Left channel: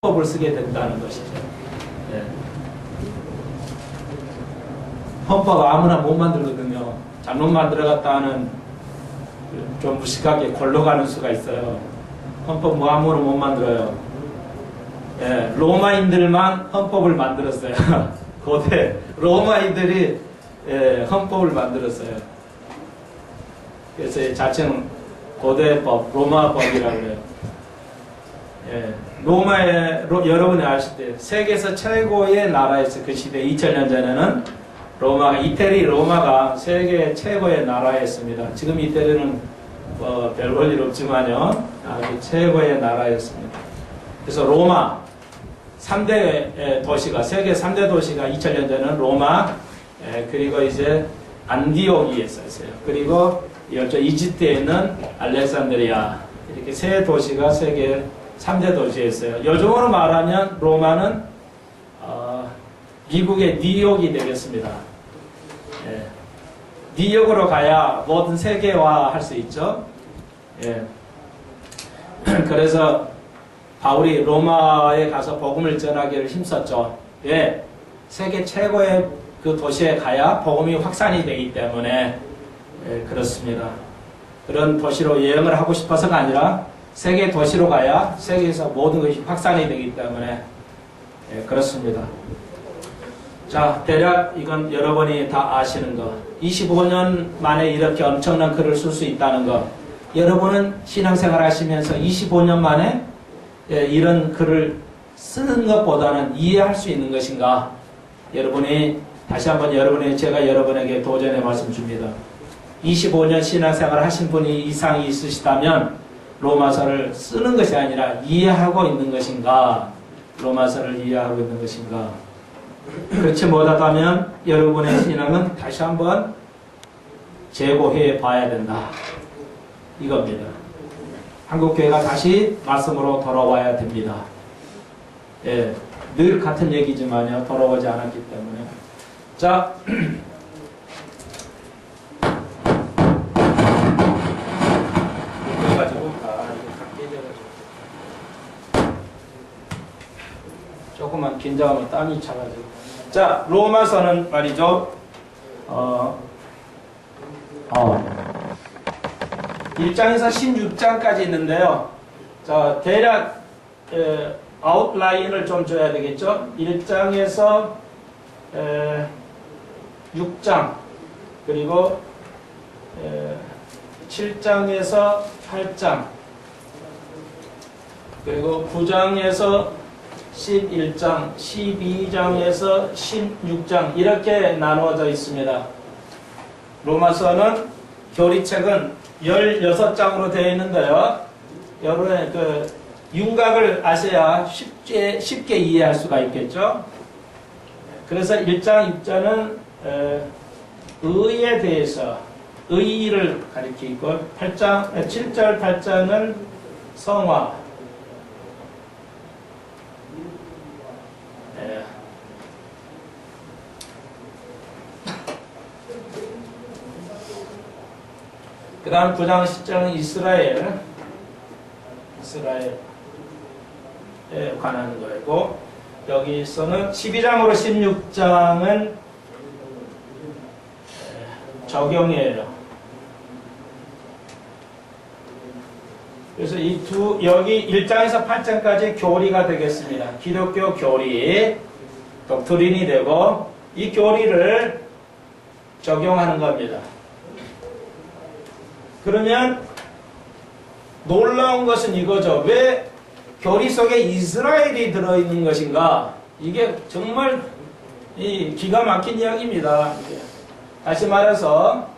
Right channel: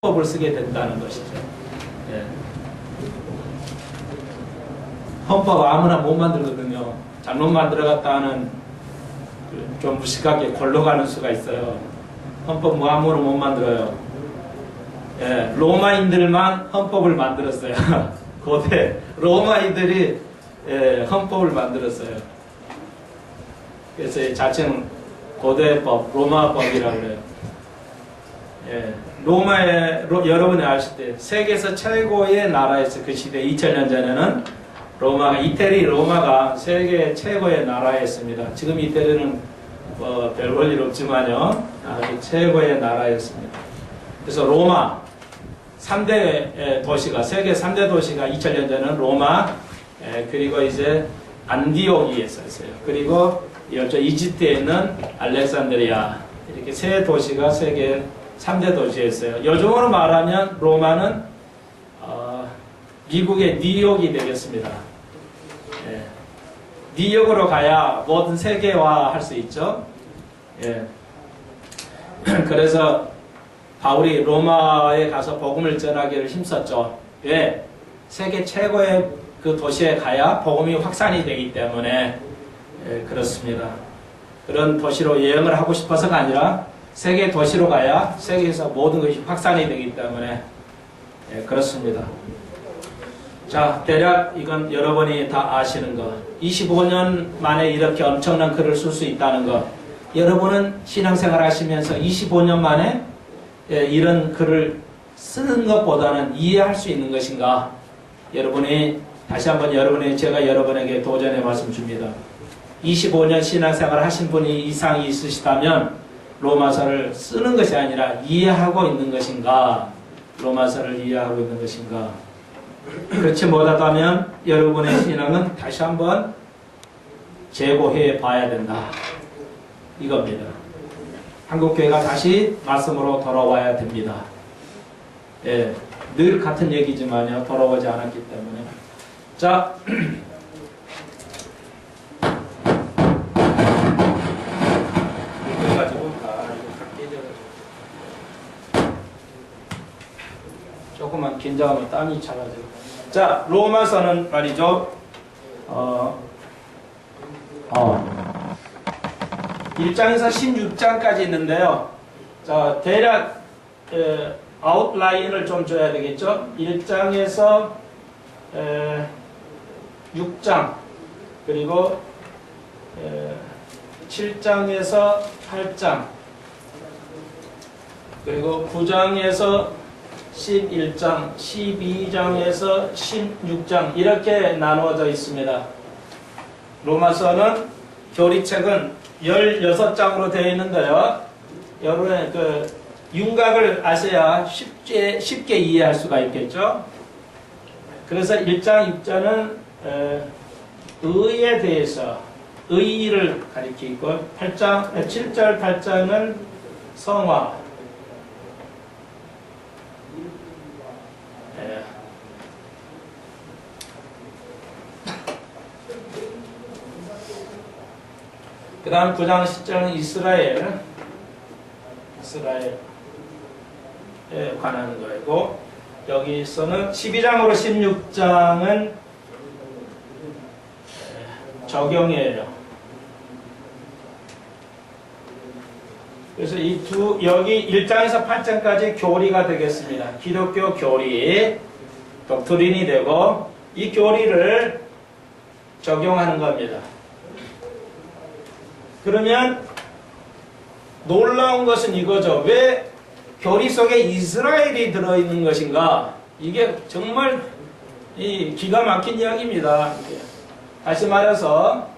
헌법을 쓰게 된다는 것이죠. 예. 헌법 아무나 못 만들거든요. 잘못 만들어갔다는 좀 무식하게 골로 가는 수가 있어요. 헌법 뭐 아무나 못 만들어요. 예. 로마인들만 헌법을 만들었어요. 고대 로마인들이 헌법을 만들었어요. 그래서 자칭 고대법, 로마법이라고 그래요. 예. 여러분이 아실 때 세계에서 최고의 나라였어요. 그 시대 2000년 전에는 이태리 로마가 세계 최고의 나라였습니다. 지금 이태리는 별 볼 일 없지만요, 아주 최고의 나라였습니다. 그래서 로마 3대 도시가, 세계 3대 도시가 2000년 전에는 로마, 그리고 이제 안디옥이 있었어요. 그리고 이쪽 이집트에 있는 알렉산드리아, 이렇게 세 도시가 세계 3대 도시였어요. 요즘으로 말하면 로마는 미국의 뉴욕이 되겠습니다. 예. 뉴욕으로 가야 모든 세계화 할 수 있죠. 예. 그래서 바울이 로마에 가서 복음을 전하기를 힘썼죠. 왜? 세계 최고의 그 도시에 가야 복음이 확산이 되기 때문에 그렇습니다. 그런 도시로 여행을 하고 싶어서가 아니라 세계 도시로 가야 세계에서 모든 것이 확산이 되기 때문에 그렇습니다. 자, 대략 이건 여러분이 다 아시는 거. 25년 만에 이렇게 엄청난 글을 쓸 수 있다는 거. 여러분은 신앙생활 하시면서 25년 만에 이런 글을 쓰는 것보다는 이해할 수 있는 것인가? 여러분이 다시 한번 제가 여러분에게 도전의 말씀 줍니다. 25년 신앙생활 하신 분이 이상이 있으시다면 로마서를 쓰는 것이 아니라 이해하고 있는 것인가? 로마서를 이해하고 있는 것인가? 그렇지 못하다면 여러분의 신앙은 다시 한번 재고해 봐야 된다. 이겁니다. 한국교회가 다시 말씀으로 돌아와야 됩니다. 예, 늘 같은 얘기지만요, 돌아오지 않았기 때문에. 자, 조금만 긴장하면 땀이 차가지고. 자, 로마서는 말이죠. 1장에서 16장까지 있는데요. 자, 대략 아웃라인을 좀 줘야 되겠죠. 1장에서 6장, 그리고 7장에서 8장, 그리고 9장에서 11장, 12장에서 16장 이렇게 나누어져 있습니다. 로마서는 교리책은 16장으로 되어 있는데요. 여러분의 그 윤곽을 아셔야 쉽게 이해할 수가 있겠죠. 그래서 1장, 6장은 의에 대해서 의의를 가리키고 7절, 8장은 성화, 그 다음 9장 10장은 이스라엘에 관한 거이고, 여기서는 12장으로 16장은 적용이에요. 그래서 여기 1장에서 8장까지 교리가 되겠습니다. 기독교 교리, 독트린이 되고, 이 교리를 적용하는 겁니다. 그러면 놀라운 것은 이거죠. 왜 교리 속에 이스라엘이 들어있는 것인가? 이게 정말 기가 막힌 이야기입니다. 다시 말해서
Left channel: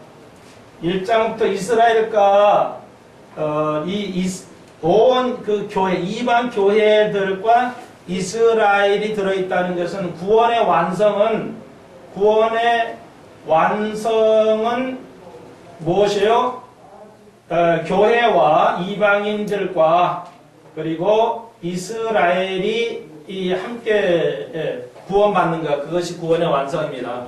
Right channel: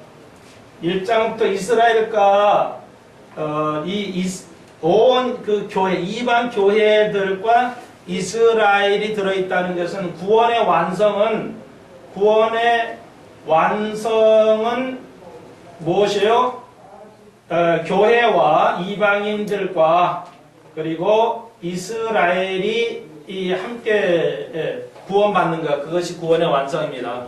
1장부터 이스라엘과 온 그 교회, 이방 교회들과 이스라엘이 들어있다는 것은 구원의 완성은 무엇이에요? 교회와 이방인들과 그리고 이스라엘이 함께 구원받는 것, 그것이 구원의 완성입니다.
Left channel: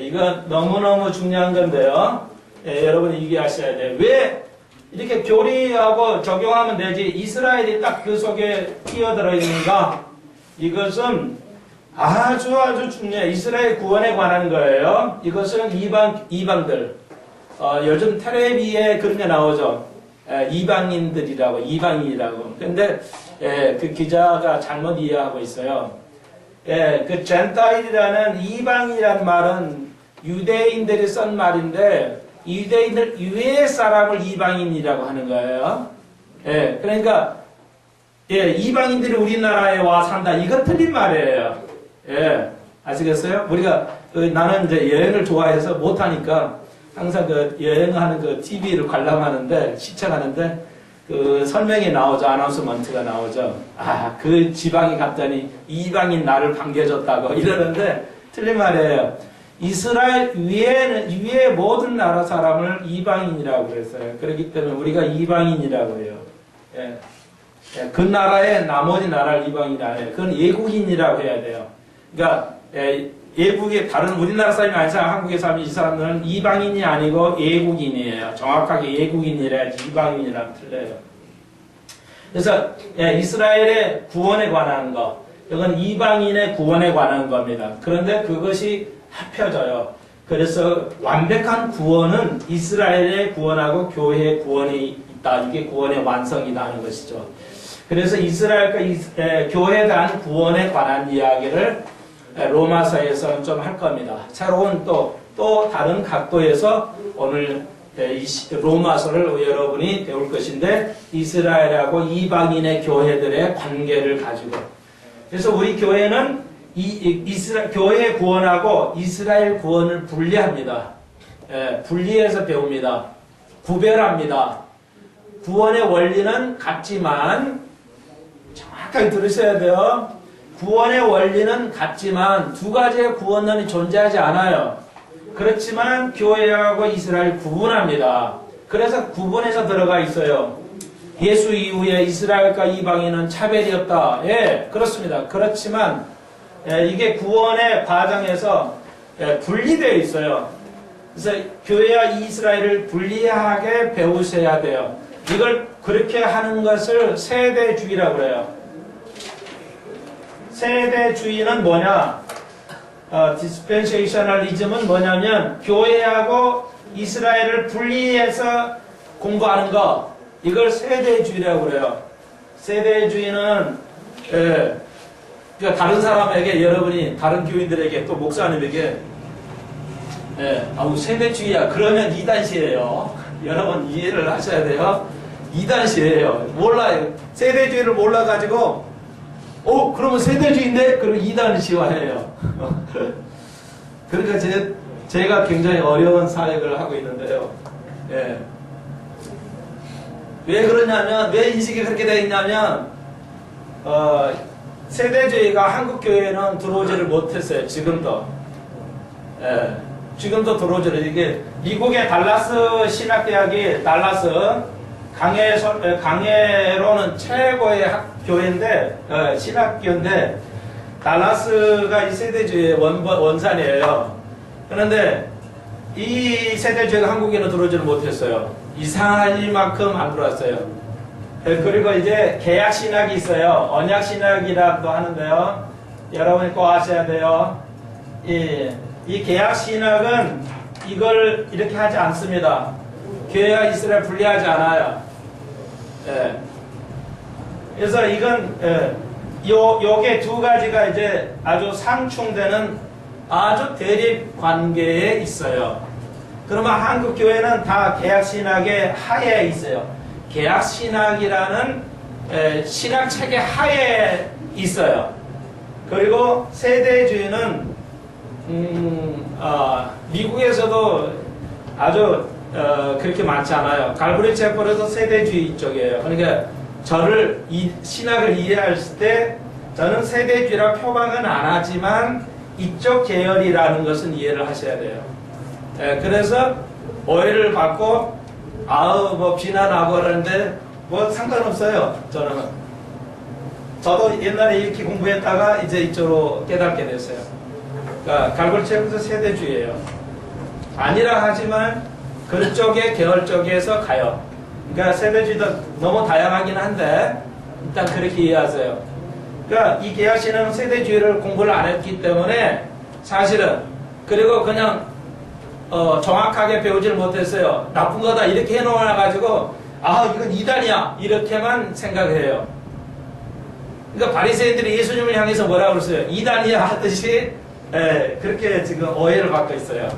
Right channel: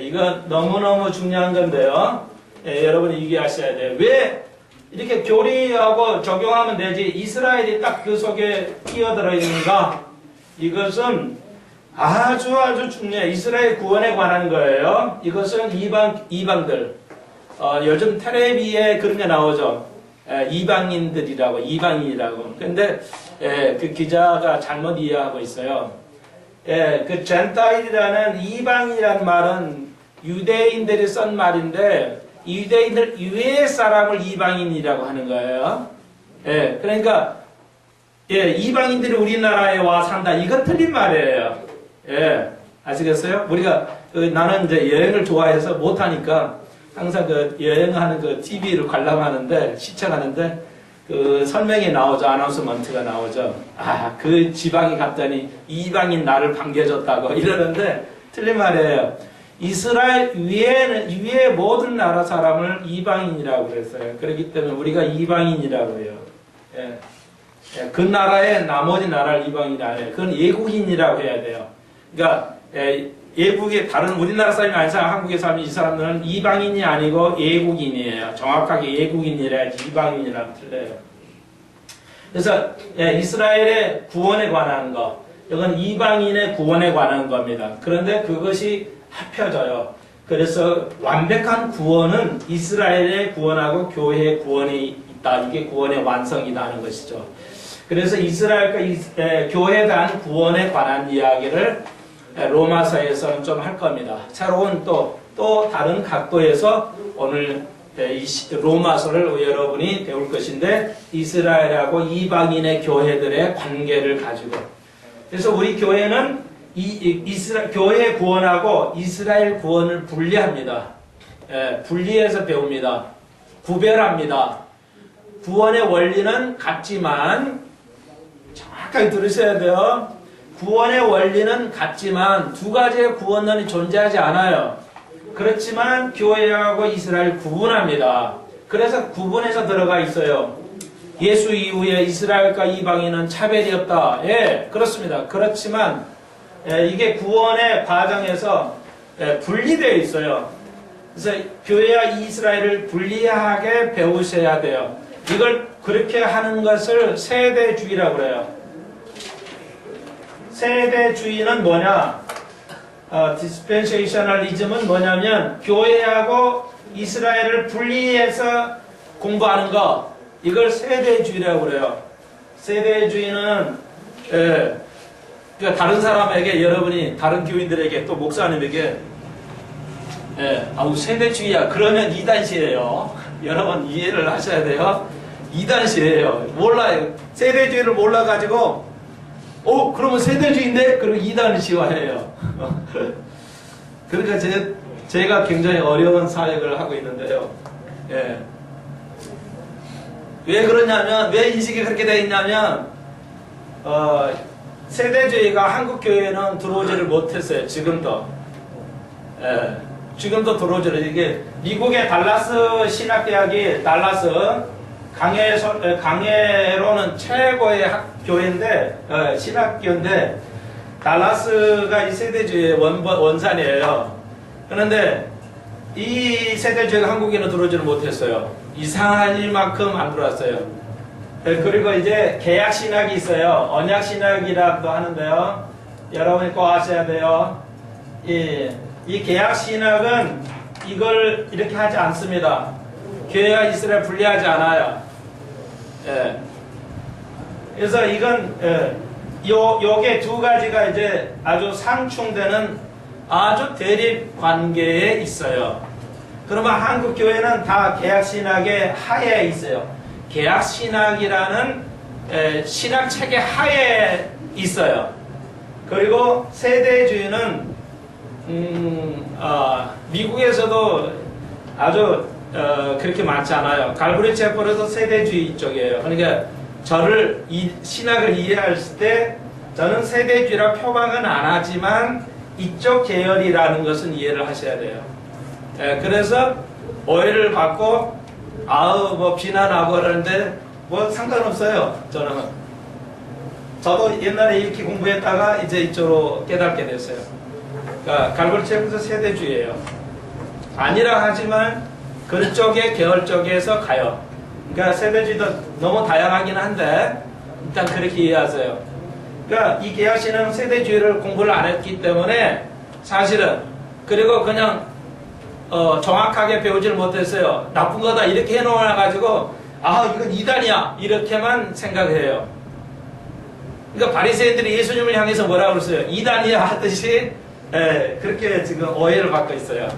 이건 너무너무 중요한 건데요. 여러분이 이해하셔야 돼요. 왜 이렇게 교리하고 적용하면 되지 이스라엘이 딱 그 속에 끼어들어 있는가? 이것은 아주 중요해. 이스라엘 구원에 관한 거예요. 이것은 이방들. 요즘 텔레비에 그런 게 나오죠. 이방인들이라고, 이방인이라고. 근데 그 기자가 잘못 이해하고 있어요. 그 젠타일이라는 이방이라는 말은 유대인들이 쓴 말인데 유대인들 이외의 사람을 이방인이라고 하는 거예요. 그러니까 이방인들이 우리나라에 와 산다. 이거 틀린 말이에요. 아시겠어요? 우리가 나는 이제 여행을 좋아해서 못하니까 항상 그 여행하는 그 TV를 관람하는데 시청하는데 그 설명이 나오죠. 아나운서먼트가 나오죠. 그 지방에 갔더니 이방인 나를 반겨줬다고 이러는데 틀린 말이에요. 이스라엘 위에 모든 나라 사람을 이방인이라고 그랬어요. 그렇기 때문에 우리가 이방인이라고 해요. 그 나라의 나머지 나라를 이방인이 아니에요. 그건 예국인이라고 해야 돼요. 그러니까 예국의 다른 우리나라 사람이 아닌 사람, 한국의 사람이 이 사람들은 이방인이 아니고 예국인이에요. 정확하게 예국인이라야지 이방인이라면 틀려요. 그래서 이스라엘의 구원에 관한 거, 이건 이방인의 구원에 관한 겁니다. 그런데 그것이 합혀져요. 그래서 완벽한 구원은 이스라엘의 구원하고 교회의 구원이 있다. 이게 구원의 완성이다 하는 것이죠. 그래서 이스라엘과 교회에 대한 구원에 관한 이야기를 로마서에서는 좀 할 겁니다. 새로운 또 다른 각도에서 오늘 로마서를 여러분이 배울 것인데 이스라엘하고 이방인의 교회들의 관계를 가지고 그래서 우리 교회는 교회 구원하고 이스라엘 구원을 분리합니다. 분리해서 배웁니다. 구별합니다. 구원의 원리는 같지만 정확하게 들으셔야 돼요. 구원의 원리는 같지만 두 가지의 구원론이 존재하지 않아요. 그렇지만 교회하고 이스라엘 구분합니다. 그래서 구분해서 들어가 있어요. 예수 이후에 이스라엘과 이방인은 차별이 없다. 그렇습니다. 그렇지만 이게 구원의 과정에서 분리되어 있어요. 그래서 교회와 이스라엘을 분리하게 배우셔야 돼요. 이걸 그렇게 하는 것을 세대주의라고 그래요. 세대주의는 뭐냐? 디스펜세이셔널리즘은 뭐냐면 교회하고 이스라엘을 분리해서 공부하는 거. 이걸 세대주의라고 그래요. 세대주의는 그러니까 다른 사람에게 여러분이 다른 교인들에게 또 목사님에게 세대주의야 그러면 이단시예요. 여러분 이해를 하셔야 돼요. 이단시예요. 몰라요. 세대주의를 몰라가지고 그러면 세대주의인데 그러면 이단시화해요. 그러니까 제가 굉장히 어려운 사역을 하고 있는데요. 왜 그러냐면 왜 인식이 그렇게 되어 있냐면 세대주의가 한국 교회는 들어오지를 못했어요. 지금도. 지금도 들어오지를 이게 미국의 달라스 신학대학이 달라스 강해로는 최고의 교회인데 신학교인데 달라스가 이 세대주의의 원산이에요. 그런데 이 세대주의가 한국에는 들어오지를 못했어요. 이상한 일만큼 안 들어왔어요. 그리고 이제 개약신학이 있어요. 언약신학이라고도 하는데요. 여러분이 꼭 아셔야 돼요. 이 개약신학은 이걸 이렇게 하지 않습니다. 교회와 이스라엘 분리하지 않아요. 그래서 이건 요게 두 가지가 이제 아주 상충되는 아주 대립 관계에 있어요. 그러면 한국 교회는 다 개약신학의 하에 있어요. 개약신학이라는 신학 체계 하에 있어요. 그리고 세대주의는 미국에서도 아주 그렇게 많지 않아요. 갈브리 채플에서 세대주의 쪽이에요. 그러니까 저를 이 신학을 이해할 때 저는 세대주의라 표방은 안 하지만 이쪽 계열이라는 것은 이해를 하셔야 돼요. 그래서 오해를 받고 뭐 비난하고 그러는데 뭐 상관없어요. 저도 옛날에 이렇게 공부했다가 이제 이쪽으로 깨닫게 됐어요. 그러니까 갈브리 채플에서 세대주의예요. 아니라 하지만 그쪽의 계열 쪽에서 가요. 그러니까 세대주의도 너무 다양하긴 한데 일단 그렇게 이해하세요. 그러니까 이 계약신앙은 세대주의를 공부를 안 했기 때문에 사실은 그리고 그냥 정확하게 배우지를 못했어요. 나쁜 거다 이렇게 해놓아가지고 아 이건 이단이야 이렇게만 생각해요. 그러니까 바리새인들이 예수님을 향해서 뭐라고 그랬어요? 이단이야 하듯이 그렇게 지금 오해를 받고 있어요.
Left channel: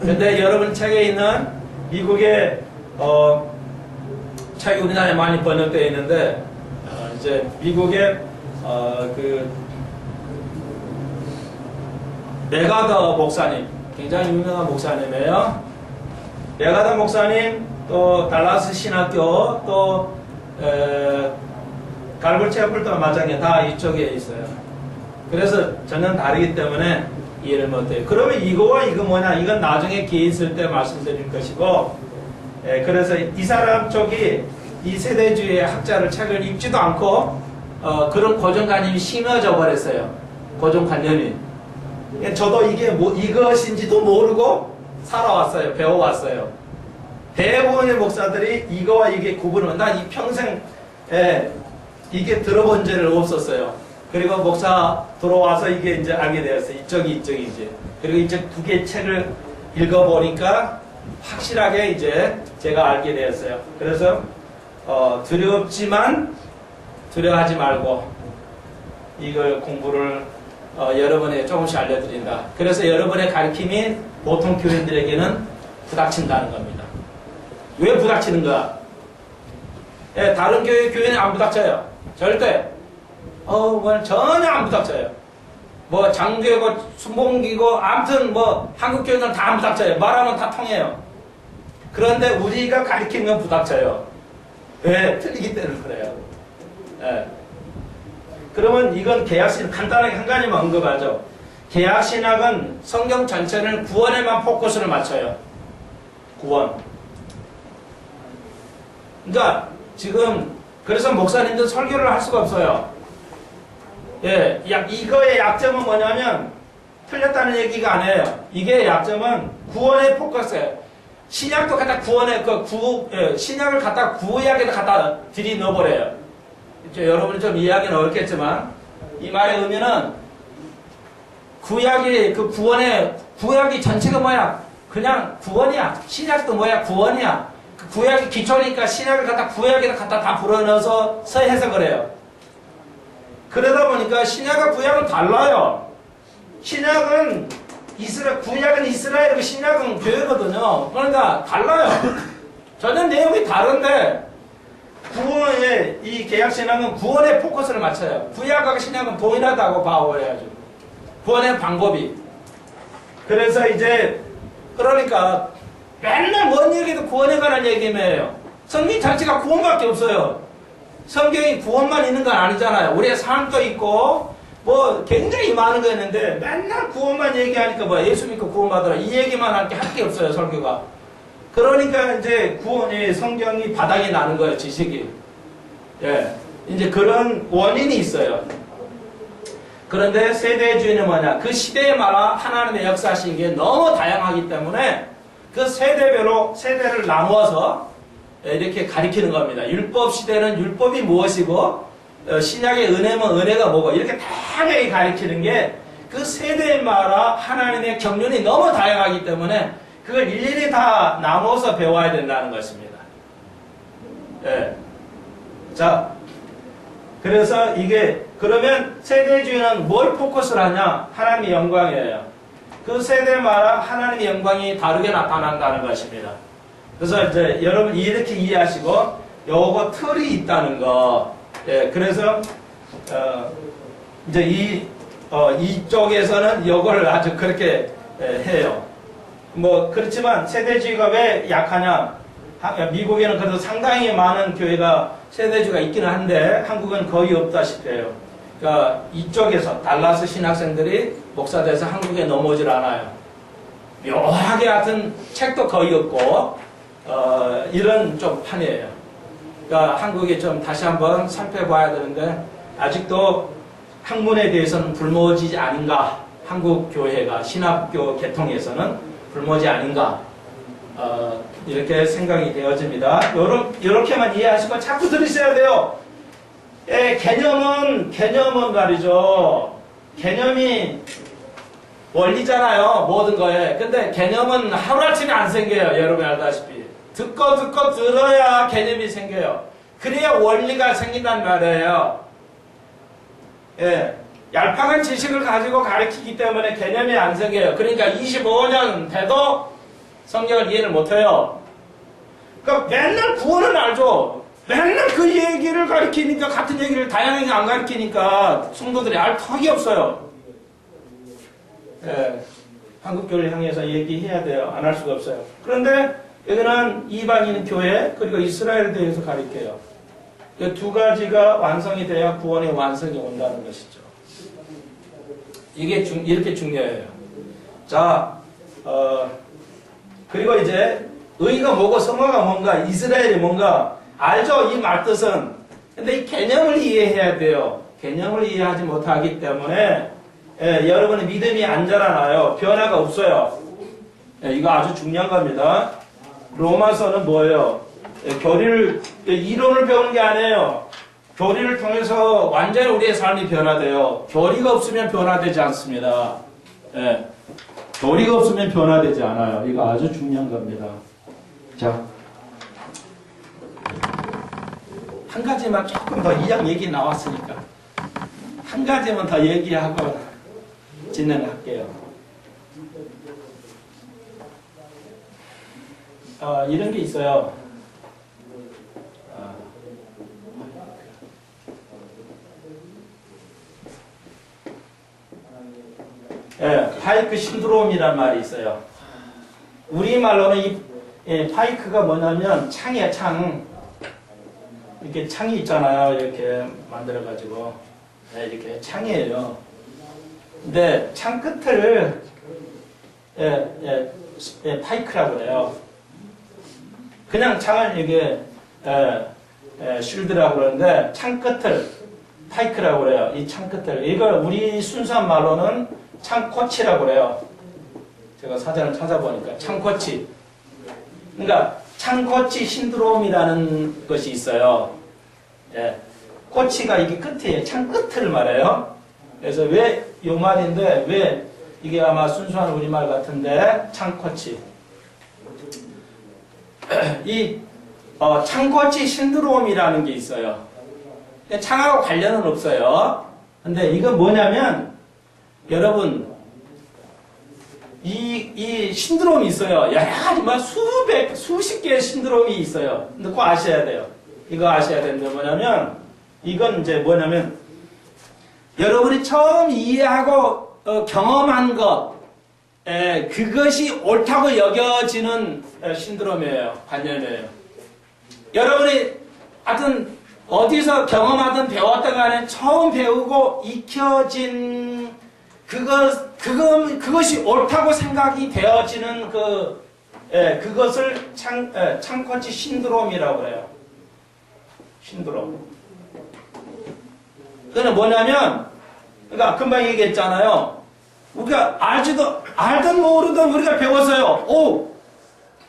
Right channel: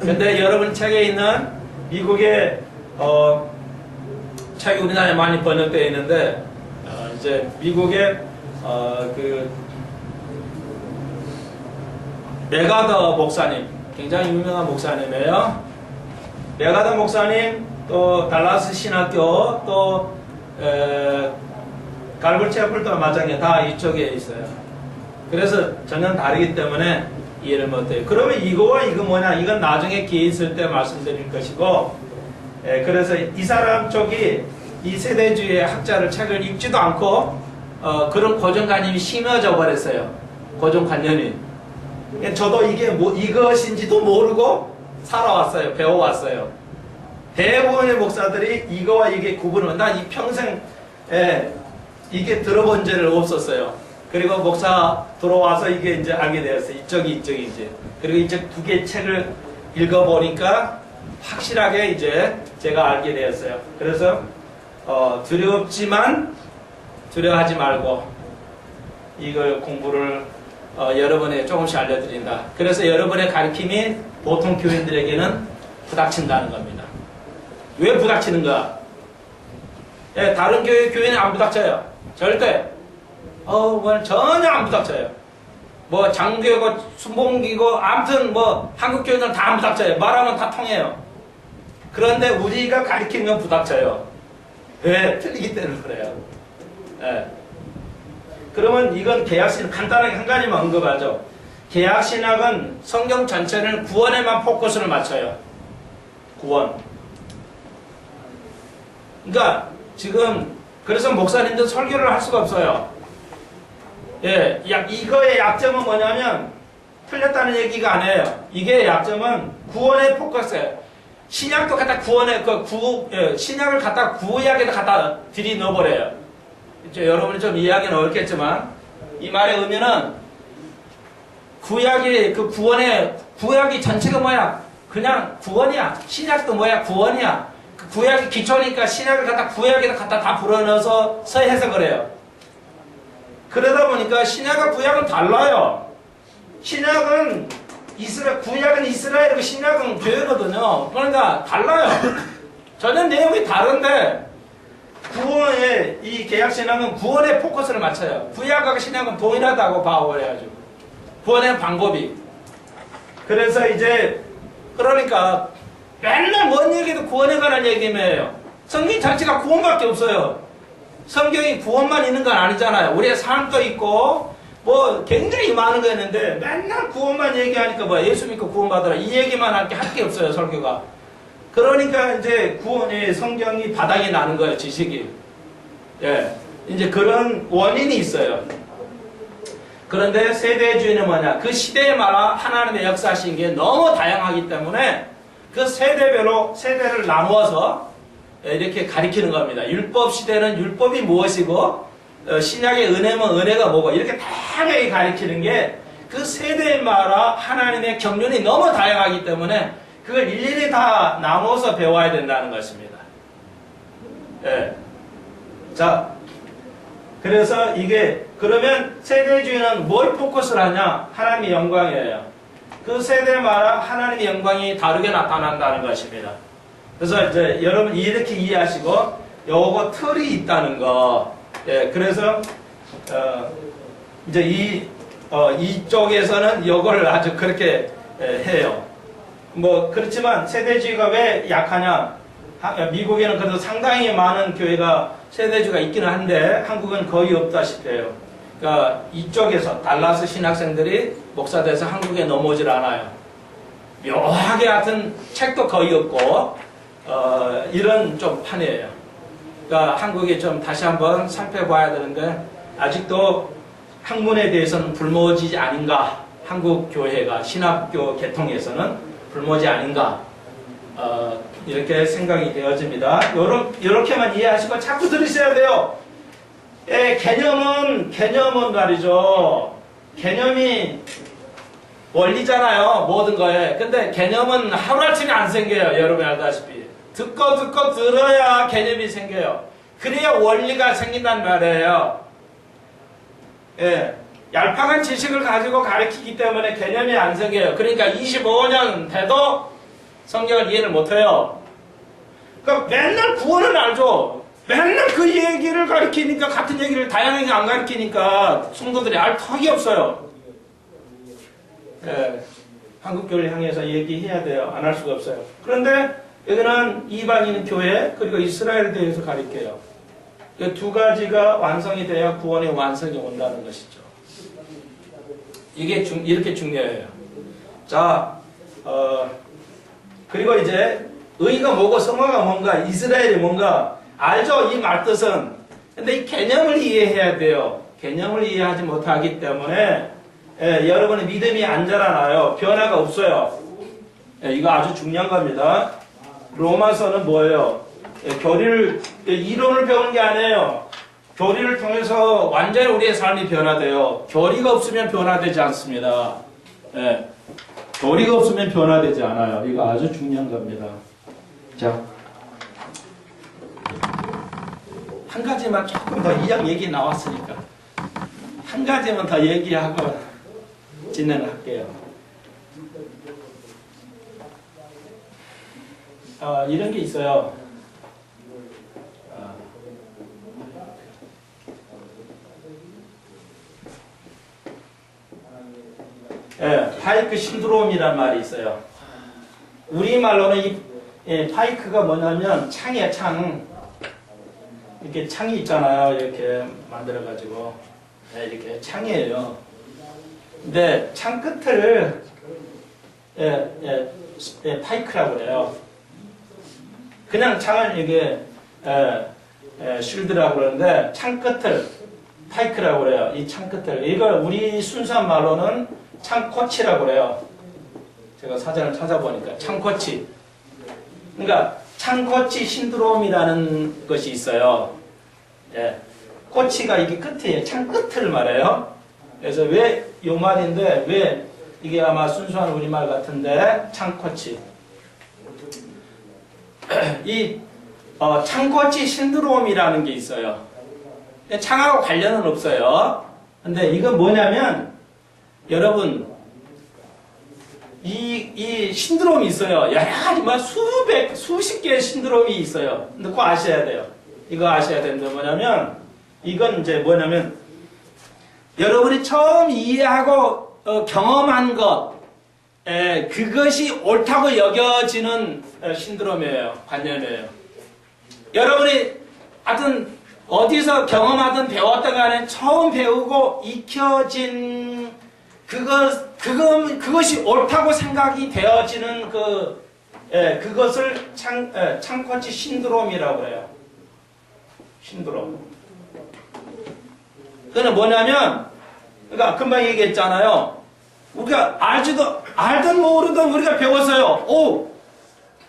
근데 여러분 책에 있는 미국의 책이 우리나라에 많이 번역되어 있는데 이제 미국의 그 메가더 목사님 굉장히 유명한 목사님이에요. 메가더 목사님 또 달라스 신학교 또 갈굴 채플도 마찬가지 다 이쪽에 있어요. 그래서 전혀 다르기 때문에 이해를 못해요. 그러면 이거와 이거 뭐냐? 이건 나중에 기회 있을 때 말씀드릴 것이고 그래서 이 사람 쪽이 이 세대주의의 학자를 책을 읽지도 않고 그런 고정관념이 심어져 버렸어요. 고정관념이. 저도 이게 뭐 이것인지도 모르고 살아왔어요. 배워왔어요. 대부분의 목사들이 이거와 이게 구분을 난 이 평생 이게 들어본 적은 없었어요. 그리고 목사 들어와서 이게 이제 알게 되었어요. 이쪽이 이제. 그리고 이제 두 개 책을 읽어보니까 확실하게 이제 제가 알게 되었어요. 그래서 두렵지만 두려워하지 말고 이걸 공부를 여러분에게 조금씩 알려드린다. 그래서 여러분의 가르침이 보통 교인들에게는 부닥친다는 겁니다. 왜 부닥치는가? 다른 교회 교인은 안 부닥쳐요. 절대. 전혀 안 부닥쳐요. 뭐 장교고 순봉기고 아무튼 뭐 한국 교인들은 다 안 부닥쳐요. 말하면 다 통해요. 그런데 우리가 가르치면 부닥쳐요. 왜? 틀리기 때문에 그래요. 그러면 이건 계약신학 간단하게 한 가지만 언급하죠. 계약신학은 성경 전체를 구원에만 포커스를 맞춰요. 구원. 그러니까 지금 그래서 목사님들 설교를 할 수가 없어요. 이거의 약점은 뭐냐면 틀렸다는 얘기가 아니에요. 이게 약점은 구원의 포커스예요. 신약도 갖다 구원에 신약을 갖다 구약에다 갖다 들이 넣어버려요. 여러분이 좀 이해하기는 어렵겠지만 이 말의 의미는 구약이 그 구약이 전체가 뭐야? 그냥 구원이야. 신약도 뭐야? 구원이야. 그 구약이 기초니까 신약을 갖다 구약에다 갖다 다 불어넣어서 해석을 해요. 그러다 보니까 신약과 구약은 달라요. 신약은 구약은 이스라엘이고 신약은 교회거든요. 그러니까 달라요. 전혀 내용이 다른데 구원의 이 계약신학은 구원의 포커스를 맞춰요. 구약하고 신약은 동일하다고 봐버려야죠. 구원의 방법이. 그래서 이제 그러니까 맨날 뭔 얘기도 구원에 관한 얘기면 성경 자체가 구원밖에 없어요. 성경이 구원만 있는 건 아니잖아요. 우리의 삶도 있고 뭐 굉장히 많은 거 있는데 맨날 구원만 얘기하니까 뭐 예수 믿고 구원받으라 이 얘기만 할 게 없어요. 설교가. 그러니까 이제 구원의 성경이 바닥이 나는 거예요. 지식이. 이제 그런 원인이 있어요. 그런데 세대주의는 뭐냐? 그 시대에 말아 하나님의 역사하신 게 너무 다양하기 때문에 그 세대별로 세대를 나누어서 이렇게 가리키는 겁니다. 율법 시대는 율법이 무엇이고 신약의 은혜면 은혜가 뭐고 이렇게 다양하게 가리키는 게 그 세대에 말아 하나님의 경륜이 너무 다양하기 때문에 그걸 일일이 다 나눠서 배워야 된다는 것입니다. 자, 그래서 이게 그러면 세대주의는 뭘 포커스를 하냐? 하나님의 영광이에요. 그 세대에 말아 하나님의 영광이 다르게 나타난다는 것입니다. 그래서 이제 여러분 이렇게 이해하시고 요거 틀이 있다는 거. 그래서 이제 이쪽에서는 요걸 아주 그렇게 해요. 뭐 그렇지만 세대주의가 왜 약하냐? 미국에는 그래도 상당히 많은 교회가 세대주의가 있기는 한데 한국은 거의 없다시피 해요. 그러니까 이쪽에서 달라스 신학생들이 목사돼서 한국에 넘어오질 않아요. 묘하게 같은 책도 거의 없고 이런 좀 판이에요. 그러니까 한국이 좀 다시 한번 살펴봐야 되는데 아직도 학문에 대해서는 불모지 아닌가. 한국 교회가 신학교 계통에서는 불모지 아닌가. 이렇게 생각이 되어집니다. 요렇게만 이해하시고 자꾸 들으셔야 돼요. 예, 개념은 말이죠. 개념이 원리잖아요. 모든 거에. 근데 개념은 하루아침에 안 생겨요. 여러분이 알다시피. 듣고 들어야 개념이 생겨요. 그래야 원리가 생긴단 말이에요. 예. 얄팍한 지식을 가지고 가르치기 때문에 개념이 안 생겨요. 그러니까 25년 돼도 성경을 이해를 못해요. 그러니까 맨날 구원은 알죠. 맨날 그 얘기를 가르치니까 같은 얘기를 다양하게 안 가르치니까 성도들이 알 턱이 없어요. 예, 한국교회를 향해서 얘기해야 돼요. 안 할 수가 없어요. 그런데 여기는 이방인 교회 그리고 이스라엘에 대해서 가르쳐요. 이 두 가지가 완성이 돼야 구원의 완성이 온다는 것이죠. 이게 이렇게 중요해요. 자, 그리고 이제 의가 뭐고 성화가 뭔가, 이스라엘이 뭔가 알죠? 이 말뜻은. 근데 이 개념을 이해해야 돼요. 개념을 이해하지 못하기 때문에 여러분의 믿음이 안 자라나요. 변화가 없어요. 이거 아주 중요한 겁니다. 로마서는 뭐예요? 교리를, 이론을 배우는 게 아니에요. 교리를 통해서 완전히 우리의 삶이 변화돼요. 교리가 없으면 변화되지 않습니다. 교리가 없으면 변화되지 않아요. 이거 아주 중요한 겁니다. 자, 한 가지만 조금 더 이양 얘기 나왔으니까 한 가지만 더 얘기하고 진행할게요. 이런 게 있어요. 파이크 신드롬이란 말이 있어요. 우리말로는 이 파이크가 뭐냐면 창이에요, 창. 이렇게 창이 있잖아요. 이렇게 만들어가지고. 이렇게 창이에요. 근데 창 끝을 파이크라고 그래요. 그냥 창을 이게 쉴드라고 그러는데 창 끝을 파이크라고 그래요. 이 창 끝을. 이걸 우리 순수한 말로는 창코치라고 그래요. 제가 사전을 찾아보니까 창코치. 그러니까 창코치 신드롬이라는 것이 있어요. 코치가 이게 끝이에요. 창 끝을 말해요. 그래서 왜 이 말인데 왜 이게 아마 순수한 우리말 같은데 창코치. 이 창코치 신드롬이라는 게 있어요. 창하고 관련은 없어요. 근데 이건 뭐냐면 여러분 이 신드롬이 있어요. 여러 가지 막 수십 개의 신드롬이 있어요. 근데 그거 아셔야 돼요. 이거 아셔야 되는데 뭐냐면 이건 이제 뭐냐면 여러분이 처음 이해하고 경험한 것 그것이 옳다고 여겨지는 신드롬이에요. 관념이에요. 여러분이 하여튼 어디서 경험하든 배웠던 간에 처음 배우고 익혀진 그것이 옳다고 생각이 되어지는 그것을 창코치 신드롬이라고 해요. 신드롬. 그거는 뭐냐면, 그러니까 금방 얘기했잖아요. 우리가 알든 모르든 우리가 배웠어요.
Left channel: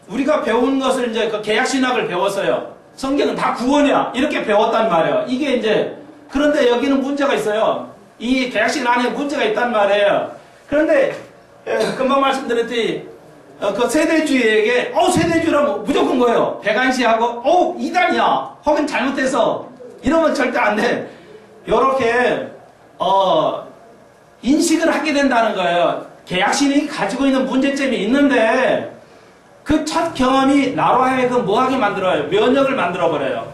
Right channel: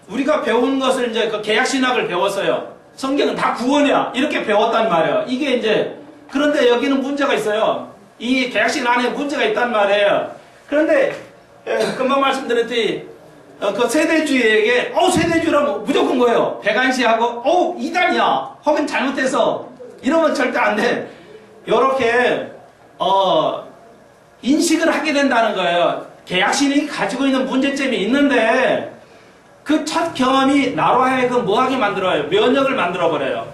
우리가 배운 것을 이제 그 개약신학을 배웠어요. 성경은 다 구원이야. 이렇게 배웠단 말이에요. 이게 이제, 그런데 여기는 문제가 있어요. 이 개약신 안에 문제가 있단 말이에요. 그런데, 금방 말씀드렸듯이, 그 세대주의에게, 세대주의라면 무조건 거예요. 배관시하고, 이단이야. 혹은 잘못해서, 이러면 절대 안 돼. 요렇게, 인식을 하게 된다는 거예요. 개약신이 가지고 있는 문제점이 있는데, 그 첫 경험이 나로 하여금 뭐하게 만들어요? 면역을 만들어버려요.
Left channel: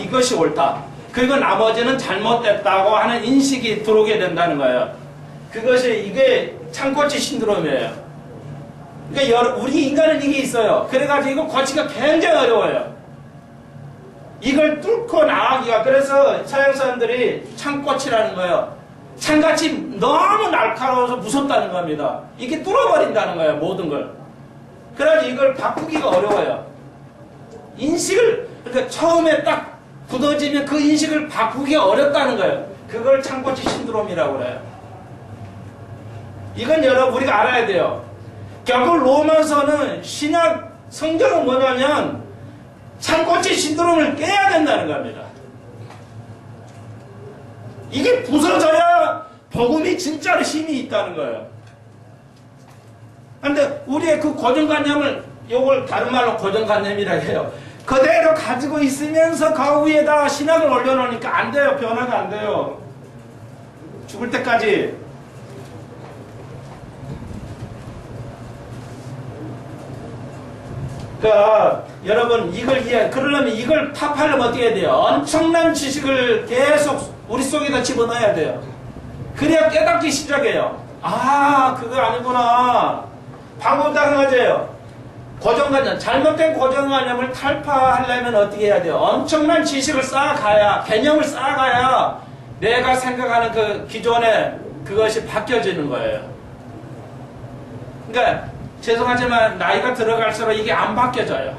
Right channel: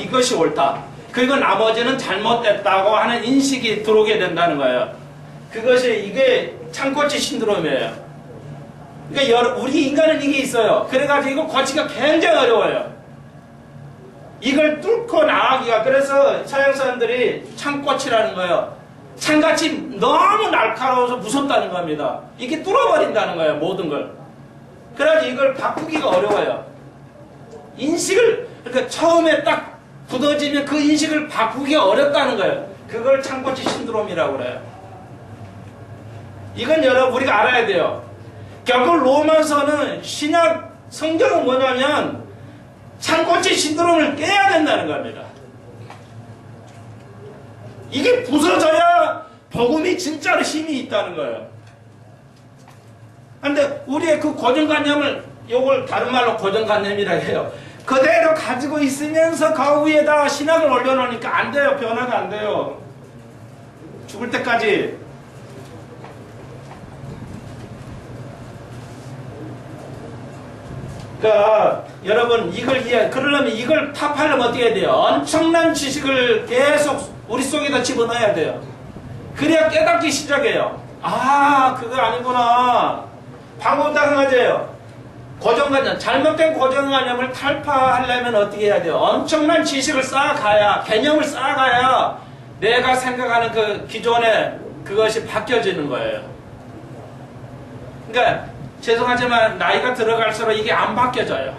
이것이 옳다. 그리고 나머지는 잘못됐다고 하는 인식이 들어오게 된다는 거예요. 이게 창코치 신드롬이에요. 그러니까 우리 인간은 이게 있어요. 그래가지고 이거 고치기가 굉장히 어려워요. 이걸 뚫고 나가기가, 그래서 서양 사람들이 창코치라는 거예요. 창같이 너무 날카로워서 무섭다는 겁니다. 이게 뚫어버린다는 거예요. 모든 걸. 그래가지고 이걸 바꾸기가 어려워요. 그러니까 처음에 딱 굳어지면 그 인식을 바꾸기가 어렵다는 거예요. 그걸 창코치 신드롬이라고 그래요. 이건 여러분 우리가 알아야 돼요. 결국 로마서는 신약 성경은 뭐냐면 산꽃의 신드롬을 깨야 된다는 겁니다. 이게 부서져야 복음이 진짜로 힘이 있다는 거예요. 그런데 우리의 그 고정관념을, 요걸 다른 말로 고정관념이라 해요. 그대로 가지고 있으면서 그 위에다 신학을 올려놓으니까 안 돼요. 변화가 안 돼요. 죽을 때까지. 그러니까 여러분 이걸 그러려면 이걸 타파하려면 어떻게 해야 돼요? 엄청난 지식을 계속 우리 속에다 집어넣어야 돼요. 그래야 깨닫기 시작해요. 아, 그거 아니구나. 방법도 한 가지예요. 고정관념, 잘못된 고정관념을 탈파하려면 어떻게 해야 돼요? 엄청난 지식을 쌓아가야, 개념을 쌓아가야 내가 생각하는 그 기존의 그것이 바뀌어지는 거예요. 그러니까 죄송하지만 나이가 들어갈수록 이게 안 바뀌어져요.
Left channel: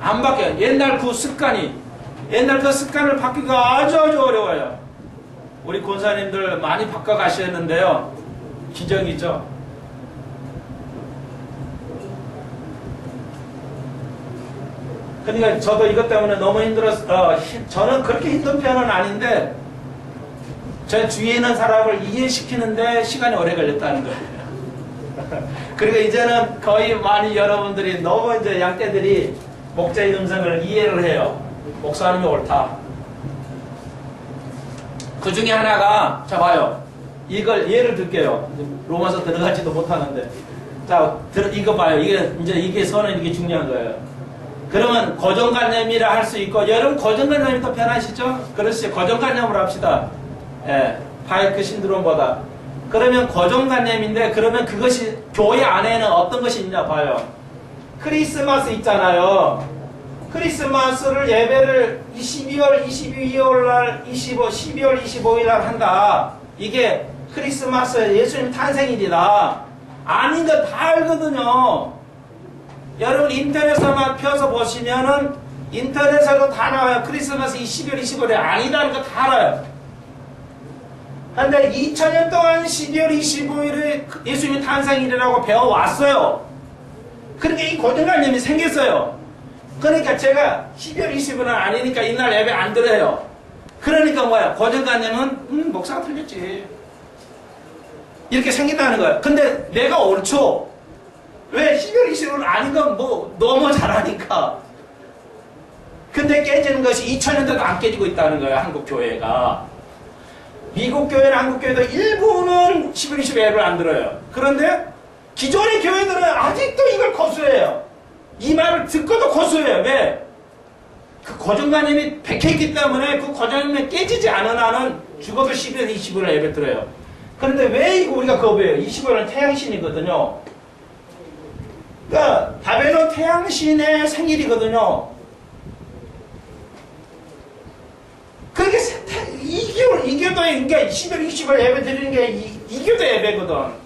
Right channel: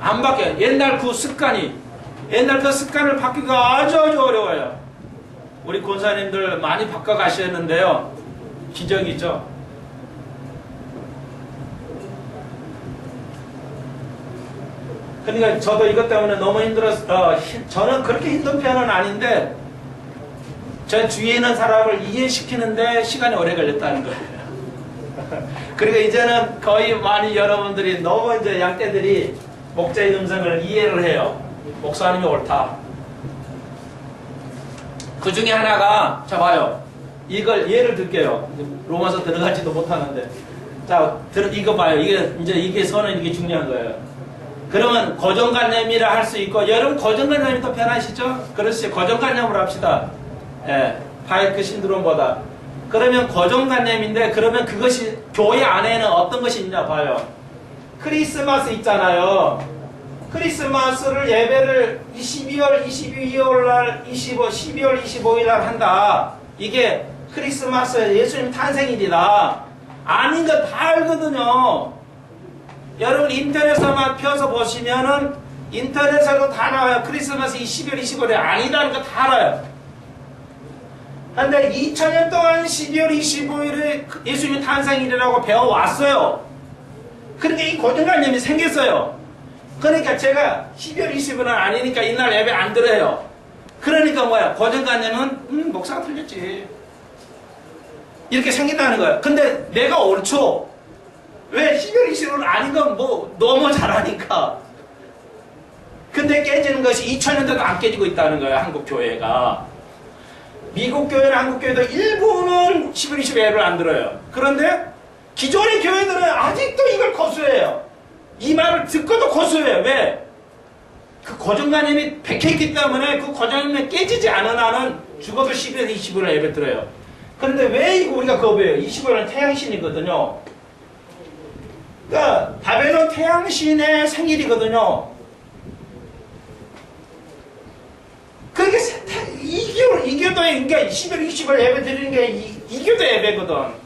안 바뀌어요. 옛날 그 습관을 바뀌기가 아주 어려워요. 우리 권사님들 많이 바꿔가셨는데요. 기적이죠. 그러니까 저도 이것 때문에 너무 힘들었어요. 저는 그렇게 힘든 편은 아닌데 제 주위에 있는 사람을 이해시키는데 시간이 오래 걸렸다는 거예요. 그리고 이제는 거의 많이 여러분들이 너무 이제 양떼들이 목자의 음성을 이해를 해요. 목사님이 옳다. 그 중에 하나가, 자 봐요. 이걸 예를 들게요. 로마서 들어가지도 못하는데. 자, 이거 봐요. 이게 선은 이게 중요한 거예요. 그러면 고정관념이라 할 수 있고, 여러분 고정관념이 더 편하시죠? 그렇지. 고정관념으로 합시다. 예. 파이크 신드롬보다. 그러면 고정관념인데, 그러면 그것이 교회 안에는 어떤 것이 있냐 봐요. 크리스마스 있잖아요. 크리스마스를 예배를 12월 22일 날 12월 25일 날 한다. 이게 크리스마스 예수님 탄생일이다. 아닌 거 다 알거든요. 여러분 인터넷에만 펴서 보시면은 인터넷에도 다 나와요. 크리스마스 12월 25일에 아니다는 거 다 알아요. 근데 2000년 동안 12월 25일에 예수님 탄생일이라고 배워왔어요. 그러니까 이 고정관념이 생겼어요. 그러니까 제가 12월 25일은 아니니까 이날 예배 안 드려요. 그러니까 뭐야? 고정관념은 목사가 틀렸지. 이렇게 생긴다는 거예요. 근데 내가 옳죠. 왜 12월 25일은 아닌 건 뭐 너무 잘하니까. 근데 깨지는 것이 2000년대도 안 깨지고 있다는 거예요. 한국 교회가. 미국 교회나 한국 교회도 일부는 12월 25일 예배를 안 들어요. 그런데 기존의 교회들은 아직도 이걸 고수해요. 이 말을 듣고도 고수해요. 왜? 그 고정관념이 박혀있기 때문에 그 고정관념이 깨지지 않은 한은 죽어도 12월 25일에 예배 드려요. 그런데 왜 이거 우리가 거부해요? 25일은 태양신이거든요. 그러니까 바벨론 태양신의 생일이거든요. 그게 이교도에, 그러니까 12월 25일 예배 드리는 게 이교도 예배거든.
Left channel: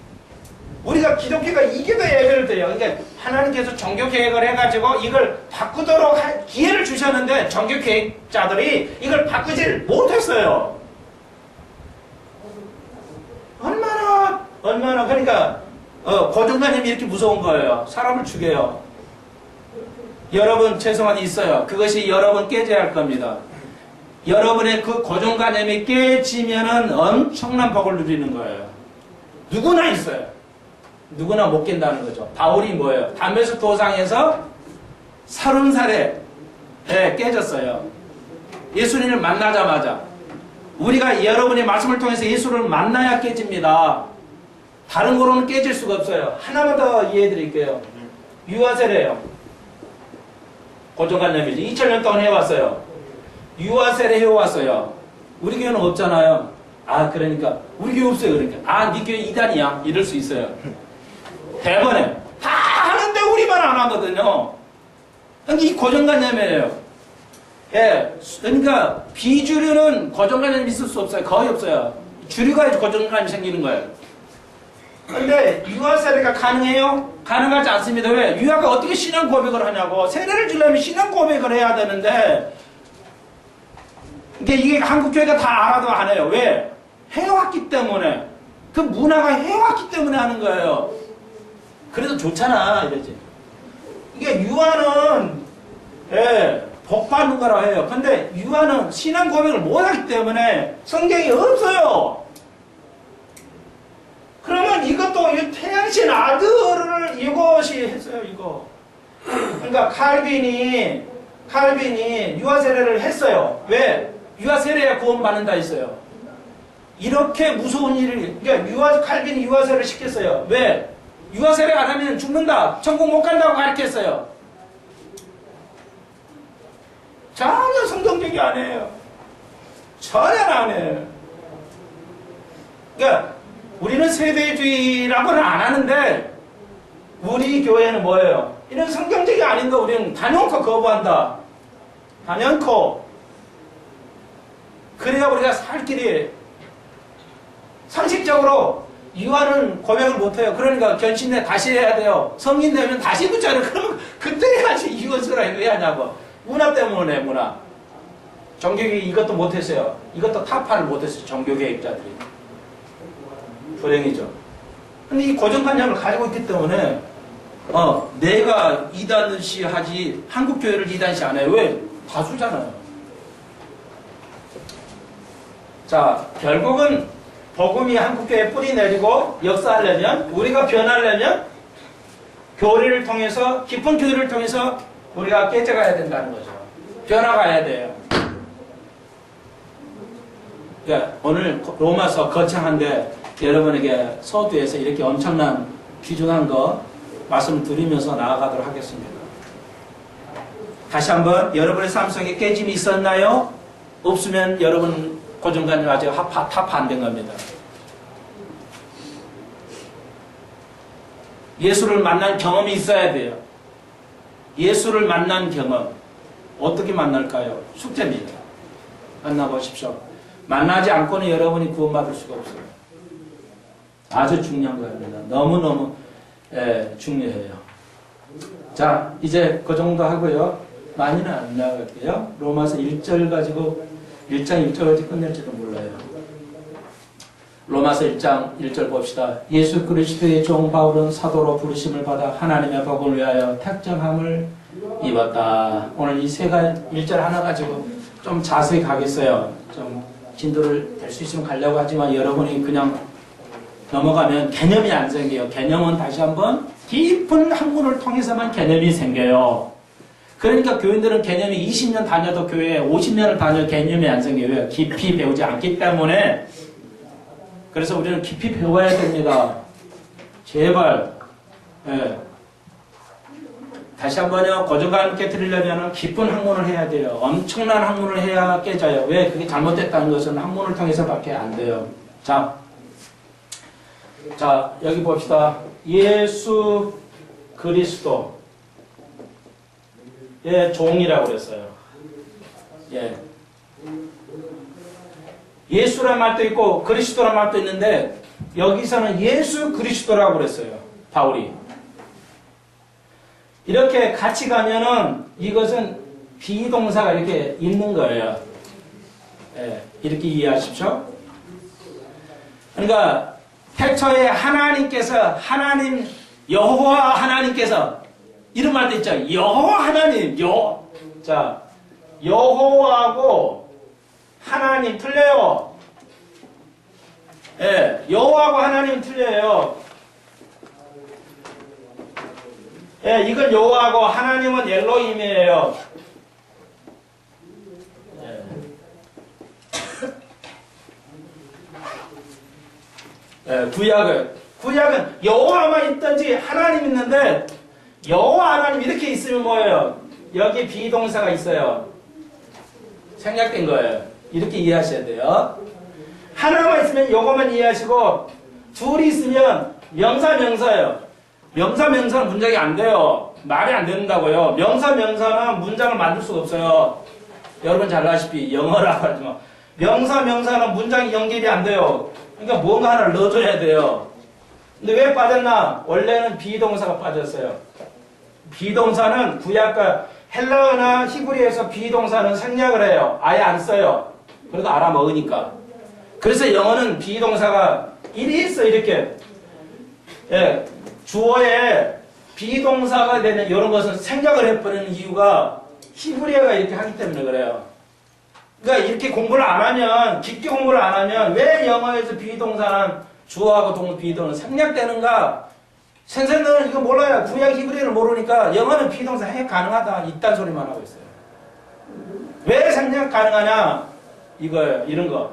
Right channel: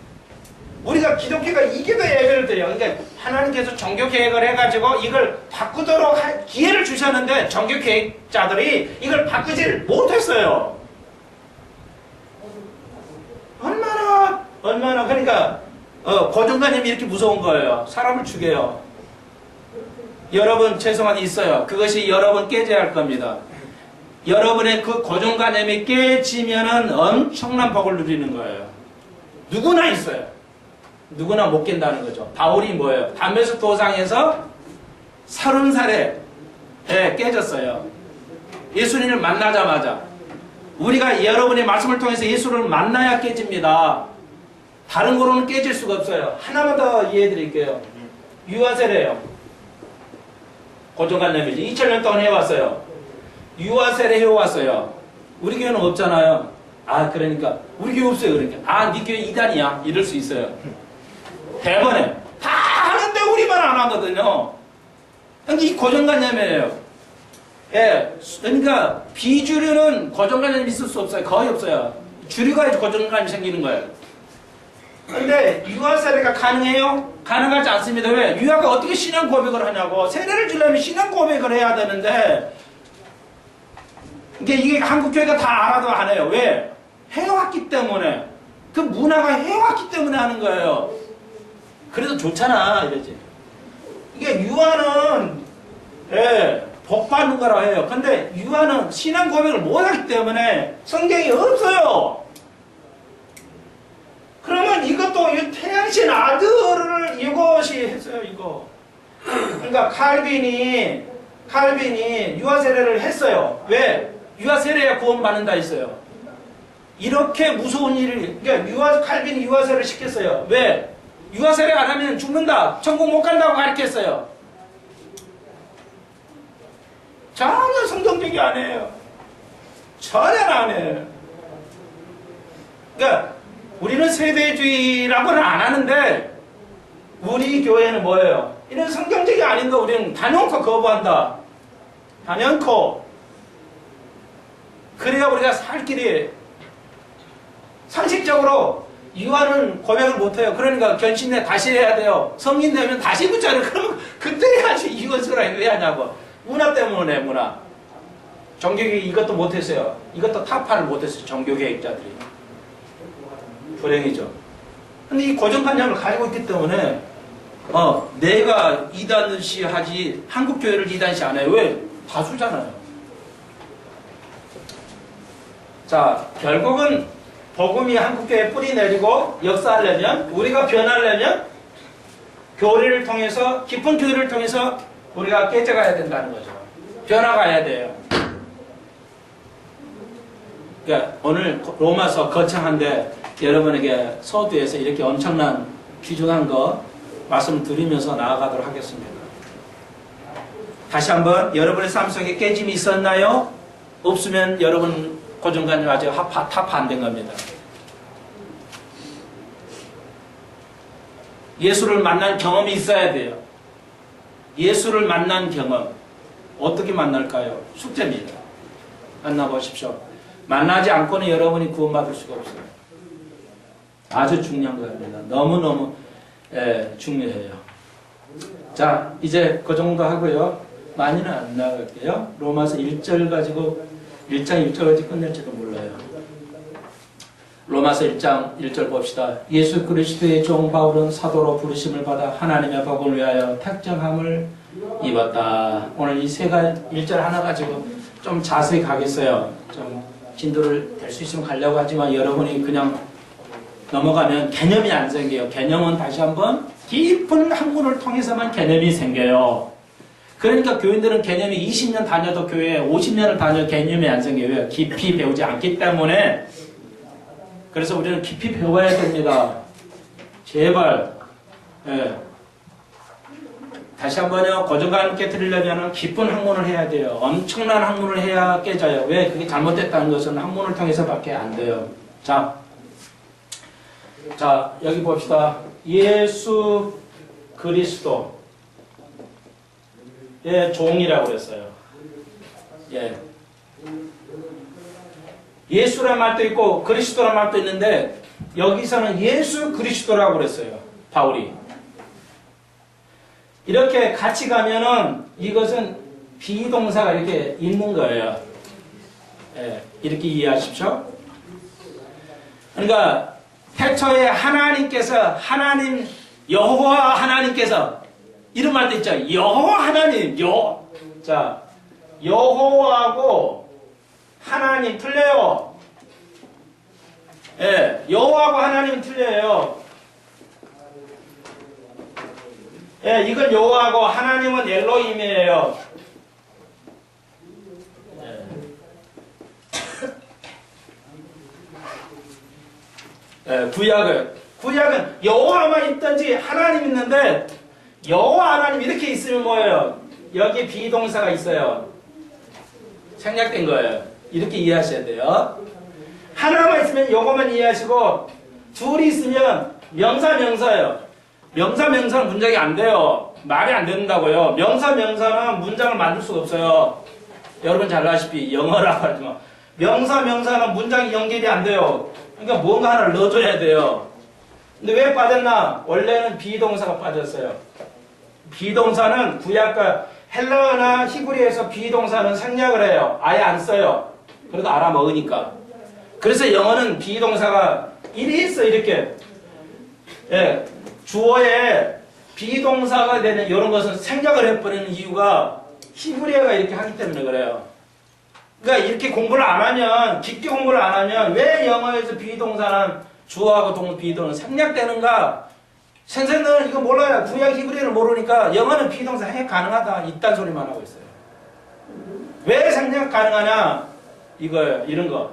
우리가 기독교가 이교도 예배를 드려요. 그러니까 하나님께서 종교 계획을 해가지고 이걸 바꾸도록 기회를 주셨는데 종교 계획자들이 이걸 바꾸질 못했어요. 얼마나 그러니까 고정관념이 이렇게 무서운 거예요. 사람을 죽여요. 여러분 죄송한 있어요. 그것이 여러분 깨져야 할 겁니다. 여러분의 그 고정관념이 깨지면은 엄청난 복을 누리는 거예요. 누구나 있어요. 누구나 못 깬다는 거죠. 바울이 뭐예요? 담에색 도상에서 30살에 깨졌어요. 예수님을 만나자마자. 우리가 여러분의 말씀을 통해서 예수를 만나야 깨집니다. 다른 거로는 깨질 수가 없어요. 하나만 더 이해해 드릴게요. 유아세례요. 고정관념이지. 2000년 동안 해왔어요. 유아세례 해왔어요. 우리 교회는 없잖아요. 아, 그러니까 우리 교회 없어요. 그러니까 아, 네 교회 이단이야. 이럴 수 있어요. 대번에 다 하는데 우리만 안 하거든요. 그러니까 이 고정관념이에요. 예, 그러니까 비주류는 고정관념이 있을 수 없어요. 거의 없어요. 주류가 고정관념이 생기는 거예요. 근데 유아세례가 가능해요? 가능하지 않습니다. 왜? 유아가 어떻게 신앙 고백을 하냐고. 세례를 주려면 신앙 고백을 해야 되는데 이게 한국 교회가 다 알아도 안 해요. 왜? 해왔기 때문에. 그 문화가 해왔기 때문에 하는 거예요. 그래도 좋잖아 이러지. 이게 유아는 복 받는 거라 해요. 근데 유아는 신앙 고백을 못하기 때문에 성경이 없어요. 그러면 이것도 이 태양신 아들을 이것이 했어요. 이거. 그러니까 칼빈이 유아 세례를 했어요. 왜? 유아 세례야 구원받는다 했어요. 이렇게 무서운 일을, 그러니까 칼빈이 유아 세례를 시켰어요. 왜? 유아 세례 안 하면 죽는다, 천국 못 간다고 가르쳤어요. 전혀 성경적이 아니에요. 전혀 아니에요. 그러니까 우리는 세대주의라고는 안 하는데 우리 교회는 뭐예요? 이런 성경적이 아닌 거 우리는 단연코 거부한다. 단연코. 그래야 우리가 살 길이. 상식적으로 유아는 고백을 못해요. 그러니까 견신내 다시 해야 돼요. 성인 되면 다시 붙잖아요. 그러면 그때 같이 이것을 왜 하냐고. 문화 때문에 문화. 종교개혁 이것도 못했어요. 이것도 타파를 못했어요. 종교개혁자들이. 불행이죠. 근데 이 고정관념을 가지고 있기 때문에 내가 이단시 하지 한국교회를 이단시 안 해요. 왜? 다수잖아요. 자, 결국은 복음이 한국교회에 뿌리 내리고 역사하려면, 우리가 변하려면 교리를 통해서, 깊은 교리를 통해서 우리가 깨져가야 된다는 거죠. 변화가야 돼요. 그러니까 오늘 로마서 거창한데 여러분에게 서두에서 이렇게 엄청난 귀중한 거 말씀드리면서 나아가도록 하겠습니다. 다시 한번 여러분의 삶 속에 깨짐이 있었나요? 없으면 여러분 고정관념 아직 타파 안 된 겁니다. 예수를 만난 경험이 있어야 돼요. 예수를 만난 경험. 어떻게 만날까요? 숙제입니다. 만나보십시오. 만나지 않고는 여러분이 구원받을 수가 없어요. 아주 중요한 겁니다. 너무너무 중요해요. 자, 이제 그 정도 하고요. 많이는 안 나갈게요. 로마서 1장 1절 가지고 끝낼지도 몰라요. 로마서 1장 1절 봅시다. 예수 그리스도의 종 바울은 사도로 부르심을 받아 하나님의 복을 위하여 택정함을 입었다. 오늘 이 세 가지 1절 하나 가지고 좀 자세히 가겠어요. 좀 진도를 될 수 있으면 가려고 하지만 여러분이 그냥 넘어가면 개념이 안 생겨요. 개념은 다시 한번 깊은 학문을 통해서만 개념이 생겨요. 그러니까 교인들은 개념이 20년 다녀도 교회에 50년을 다녀도 개념이 안 생겨요. 깊이 배우지 않기 때문에. 그래서 우리는 깊이 배워야 됩니다. 제발. 다시 한번요. 고정감 있게 드리려면 깊은 학문을 해야 돼요. 엄청난 학문을 해야 깨져요. 왜? 그게 잘못됐다는 것은 학문을 통해서밖에 안 돼요. 자, 여기 봅시다. 예수 그리스도. 종이라고 그랬어요. 예수란 말도 있고 그리스도란 말도 있는데 여기서는 예수 그리스도라고 그랬어요. 바울이. 이렇게 같이 가면은 이것은 비동사가 이렇게 있는 거예요. 이렇게 이해하십시오. 그러니까 태초에 하나님께서 여호와 하나님께서 이런 말도 있죠. 여호와 하나님, 여호와하고 하나님 틀려요. 여호와하고 하나님 틀려요. 이건 여호와하고 하나님은 엘로힘이에요. 구약은 여호와만 있든지 하나님 있는데 여호와 하나님 이렇게 있으면 뭐예요? 여기 비동사가 있어요. 생략된 거예요. 이렇게 이해하셔야 돼요. 하나만 있으면 요거만 이해하시고 둘이 있으면 명사예요. 명사는 문장이 안 돼요. 말이 안 된다고요. 명사는 문장을 만들 수가 없어요. 여러분 잘 아시피 영어라고 하지만 명사는 문장이 연결이 안 돼요. 그러니까 뭔가 하나를 넣어줘야 돼요. 근데 왜 빠졌나? 원래는 비동사가 빠졌어요. 비동사는 구약과 헬라어나 히브리에서 비동사는 생략을 해요. 아예 안 써요. 그래도 알아먹으니까. 그래서 영어는 비동사가 이리 있어, 이렇게. 주어에 비동사가 되는 이런 것은 생략을 해버리는 이유가 히브리어가 이렇게 하기 때문에 그래요. 그러니까 이렇게 공부를 안 하면, 깊게 공부를 안 하면 왜 영어에서 비동사는 주어하고 비동사는 생략되는가? 선생님들은 이거 몰라요. 구약 히브리어를 모르니까 영어는 비동사 생략 가능하다. 이딴 소리만 하고 있어요. 왜 생략 가능하냐? 이거예요. 이런 거.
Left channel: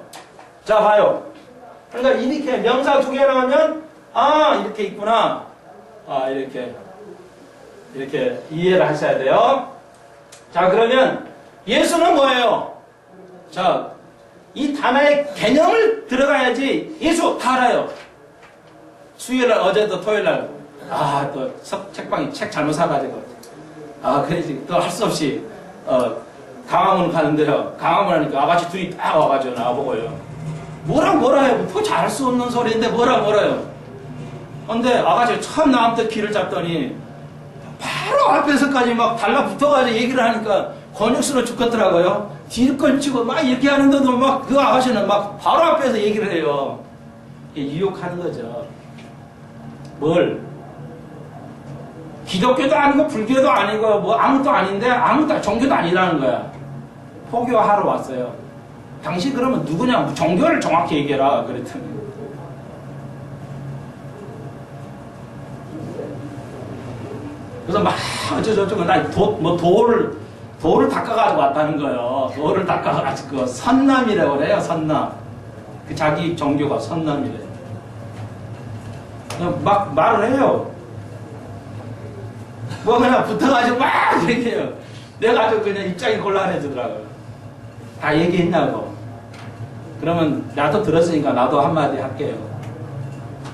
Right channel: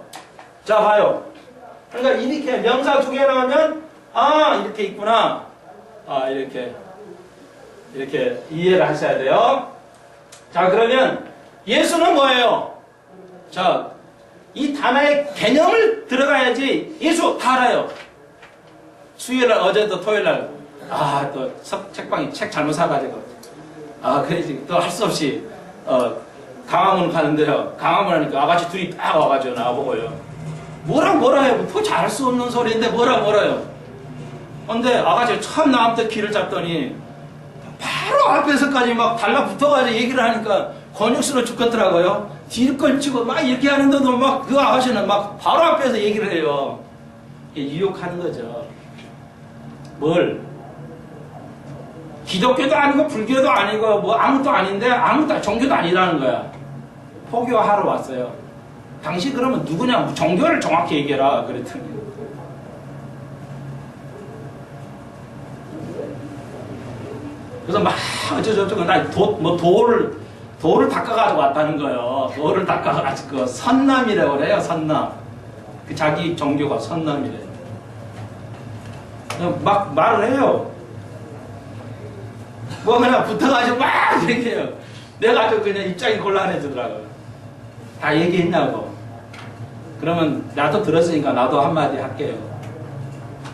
자, 봐요. 그러니까 이렇게 명사 두 개 나오면 이렇게 있구나. 이렇게 이해를 하셔야 돼요. 자, 그러면 예수는 뭐예요? 자, 이 단어의 개념을 들어가야지. 예수 다 알아요. 수요일날, 어제도 토요일날, 또 책방에 책 잘못 사가지고, 그래야지 또 할 수 없이, 강화문 가는데요. 강화문 하니까 아가씨 둘이 딱 와가지고 나보고요. 뭐라 해요. 또 잘할 수 없는 소리인데 뭐라요. 근데 아가씨가 처음 나한테 귀를 잡더니, 바로 앞에서까지 막 달라붙어가지고 얘기를 하니까 권육스러워 죽겠더라고요. 뒤를 걸치고 막 이렇게 하는데도 막 그 아가씨는 막 바로 앞에서 얘기를 해요. 유혹하는 거죠. 뭘? 기독교도 아니고 불교도 아니고 뭐 아무것도 아닌데 아무것도 종교도 아니라는 거야. 포교하러 왔어요. 당신 그러면 누구냐? 종교를 정확히 얘기해라. 그랬더니. 그래서 막 어쩌고저쩌고 돌을 닦아가지고 왔다는 거예요. 돌을 닦아가지고 선남이라고 그래요. 선남. 그 자기 종교가 선남이래요. 막 말을 해요. 뭐 그냥 붙어가지고 막 얘기해요. 내가 아주 그냥 입장이 곤란해지더라고요. 다 얘기했냐고. 그러면 나도 들었으니까 나도 한마디 할게요.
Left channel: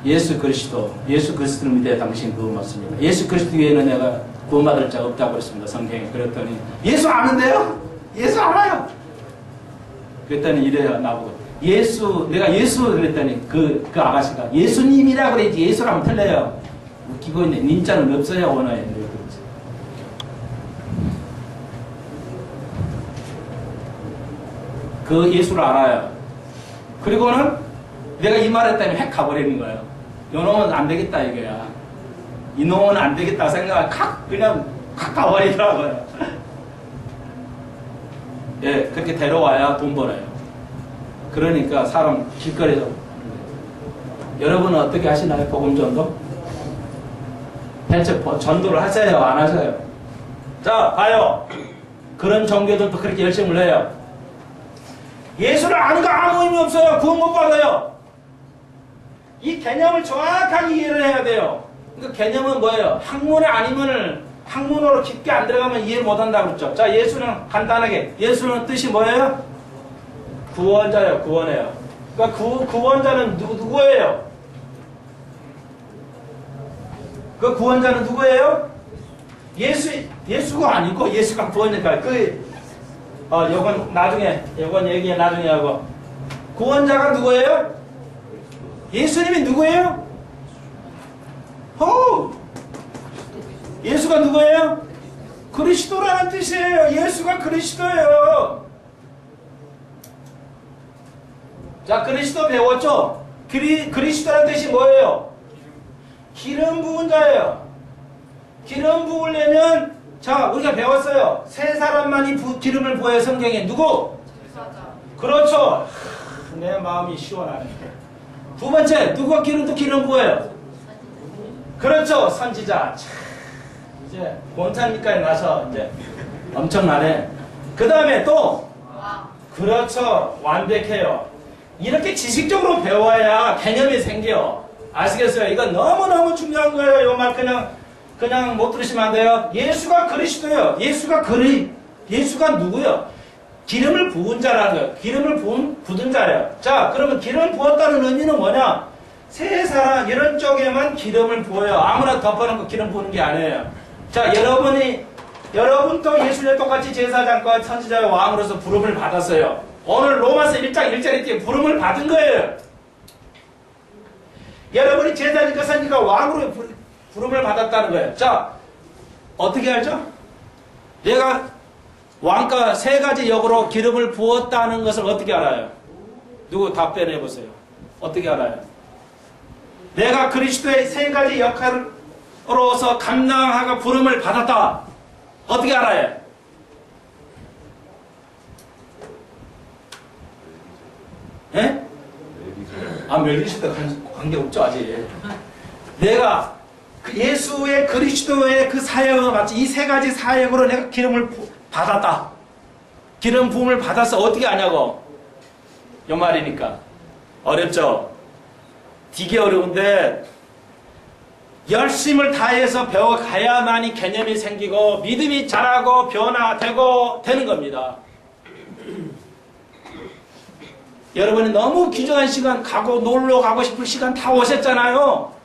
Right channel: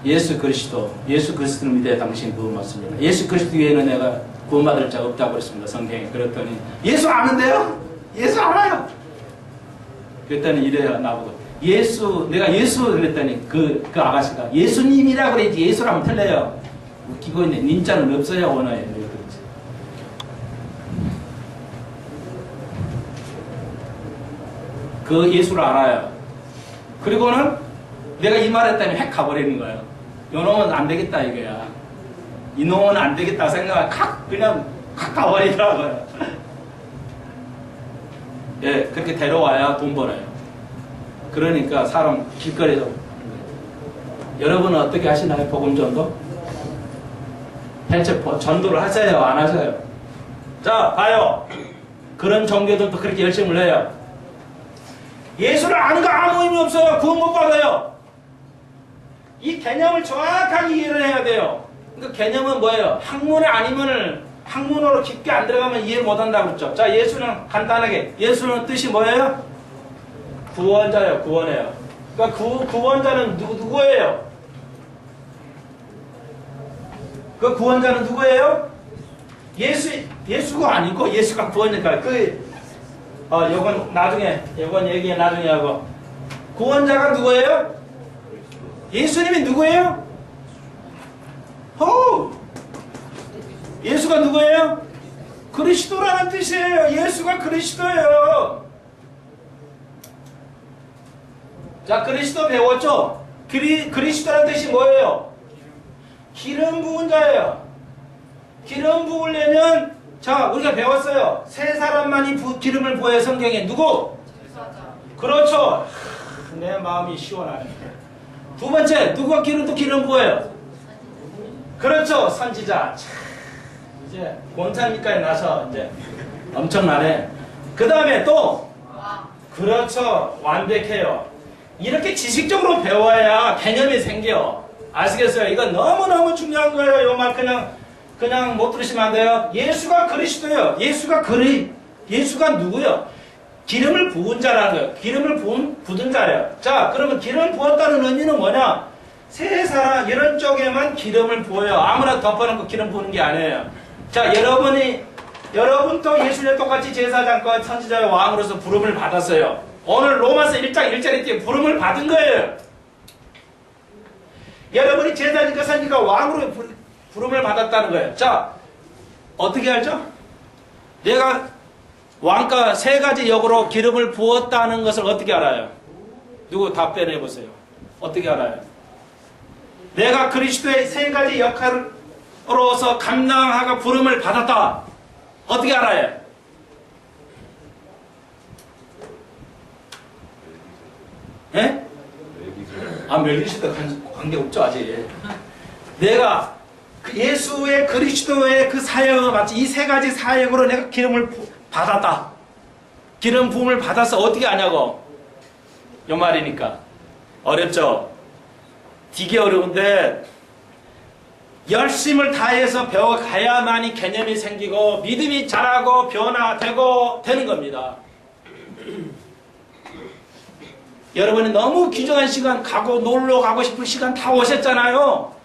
예수 그리스도를 믿어야 당신 구원 받습니다. 예수 그리스도 외에는 내가 구원받을 자가 없다고 그랬습니다. 성경에. 그랬더니 예수 아는데요? 예수 알아요. 그랬더니 이래요. 나보고 내가 예수 그랬더니 그 아가씨가 예수님이라고 그랬지 예수라면 틀려요. 웃기고 있네. 님자는 없어요. 원어에. 그 예수를 알아요. 그리고는 내가 이 말 했더니 핵 가버리는 거예요. 이놈은 안 되겠다 이거야. 이놈은 안 되겠다 생각을 그냥 가버리더라고요. 예, 그렇게 데려와야 돈 벌어요. 그러니까 사람 길거리에서 여러분은 어떻게 하시나요? 복음 전도? 대체 전도를 하세요? 안 하세요? 자, 봐요. 그런 종교들도 그렇게 열심을 해요. 예수를 아는 거 아무 의미 없어요. 구원 못 받아요. 이 개념을 정확하게 이해를 해야 돼요. 그러니까 개념은 뭐예요? 학문에 아니면 학문으로 깊게 안 들어가면 이해 못 한다고 그랬죠. 자, 예수는 간단하게 예수는 뜻이 뭐예요? 구원자예요. 구원해요. 그러니까 구원자는 누구예요? 그 구원자는 누구예요? 예수가 아니고 예수가 구원이니까 요건 나중에 얘기 나중에 하고 구원자가 누구예요? 예수님이 누구예요? 예수가 누구예요? 그리스도라는 뜻이에요. 예수가 그리스도예요. 자, 그리스도 배웠죠? 그리스도라는 뜻이 뭐예요? 기름 부은 자예요. 기름 부으려면 자, 우리가 배웠어요. 세 사람만이 기름을 부어요. 성경에. 누구? 그렇죠. 내 마음이 시원하네. 두 번째, 누가 기름 부어요? 그렇죠. 선지자. 이제 몬탄니까지 나서 이제 엄청나네. 그 다음에 또 그렇죠. 완벽해요. 이렇게 지식적으로 배워야 개념이 생겨. 아시겠어요? 이건 너무너무 중요한 거예요. 요 말 그냥 못 들으시면 안 돼요. 예수가 그리스도예요. 예수가 누구예요? 기름을 부은 자라는 거예요. 기름을 부은 자래요. 자, 그러면 기름을 부었다는 의미는 뭐냐? 세 사람 이런 쪽에만 기름을 부어요. 아무나 덮어놓고 기름 부는 게 아니에요. 자, 여러분도 예수님 똑같이 제사장과 선지자의 왕으로서 부름을 받았어요. 오늘 로마서 1장 1절에 때 부름을 받은 거예요. 여러분이 제사장과 선지자가 왕으로 부름을 받았다는 거예요. 자, 어떻게 알죠? 내가 왕가 세 가지 역으로 기름을 부었다는 것을 어떻게 알아요? 누구 답변해 보세요. 어떻게 알아요? 내가 그리스도의 세 가지 역할을 선지자로서 감당하고 부름을 받았다. 어떻게 알아요? 예? 멜기세덱 관계없죠 아직. 내가 예수의 그리스도의 그 사역을 마치 이 세 가지 사역으로 내가 기름을 받았다. 기름 부음을 받아서 어떻게 하냐고. 요 말이니까. 어렵죠? 되게 어려운데 열심을 다해서 배워가야만이 개념이 생기고 믿음이 자라고 변화되고 되는 겁니다. 여러분이 너무 귀중한 시간 가고 놀러 가고 싶을 시간 다 오셨잖아요.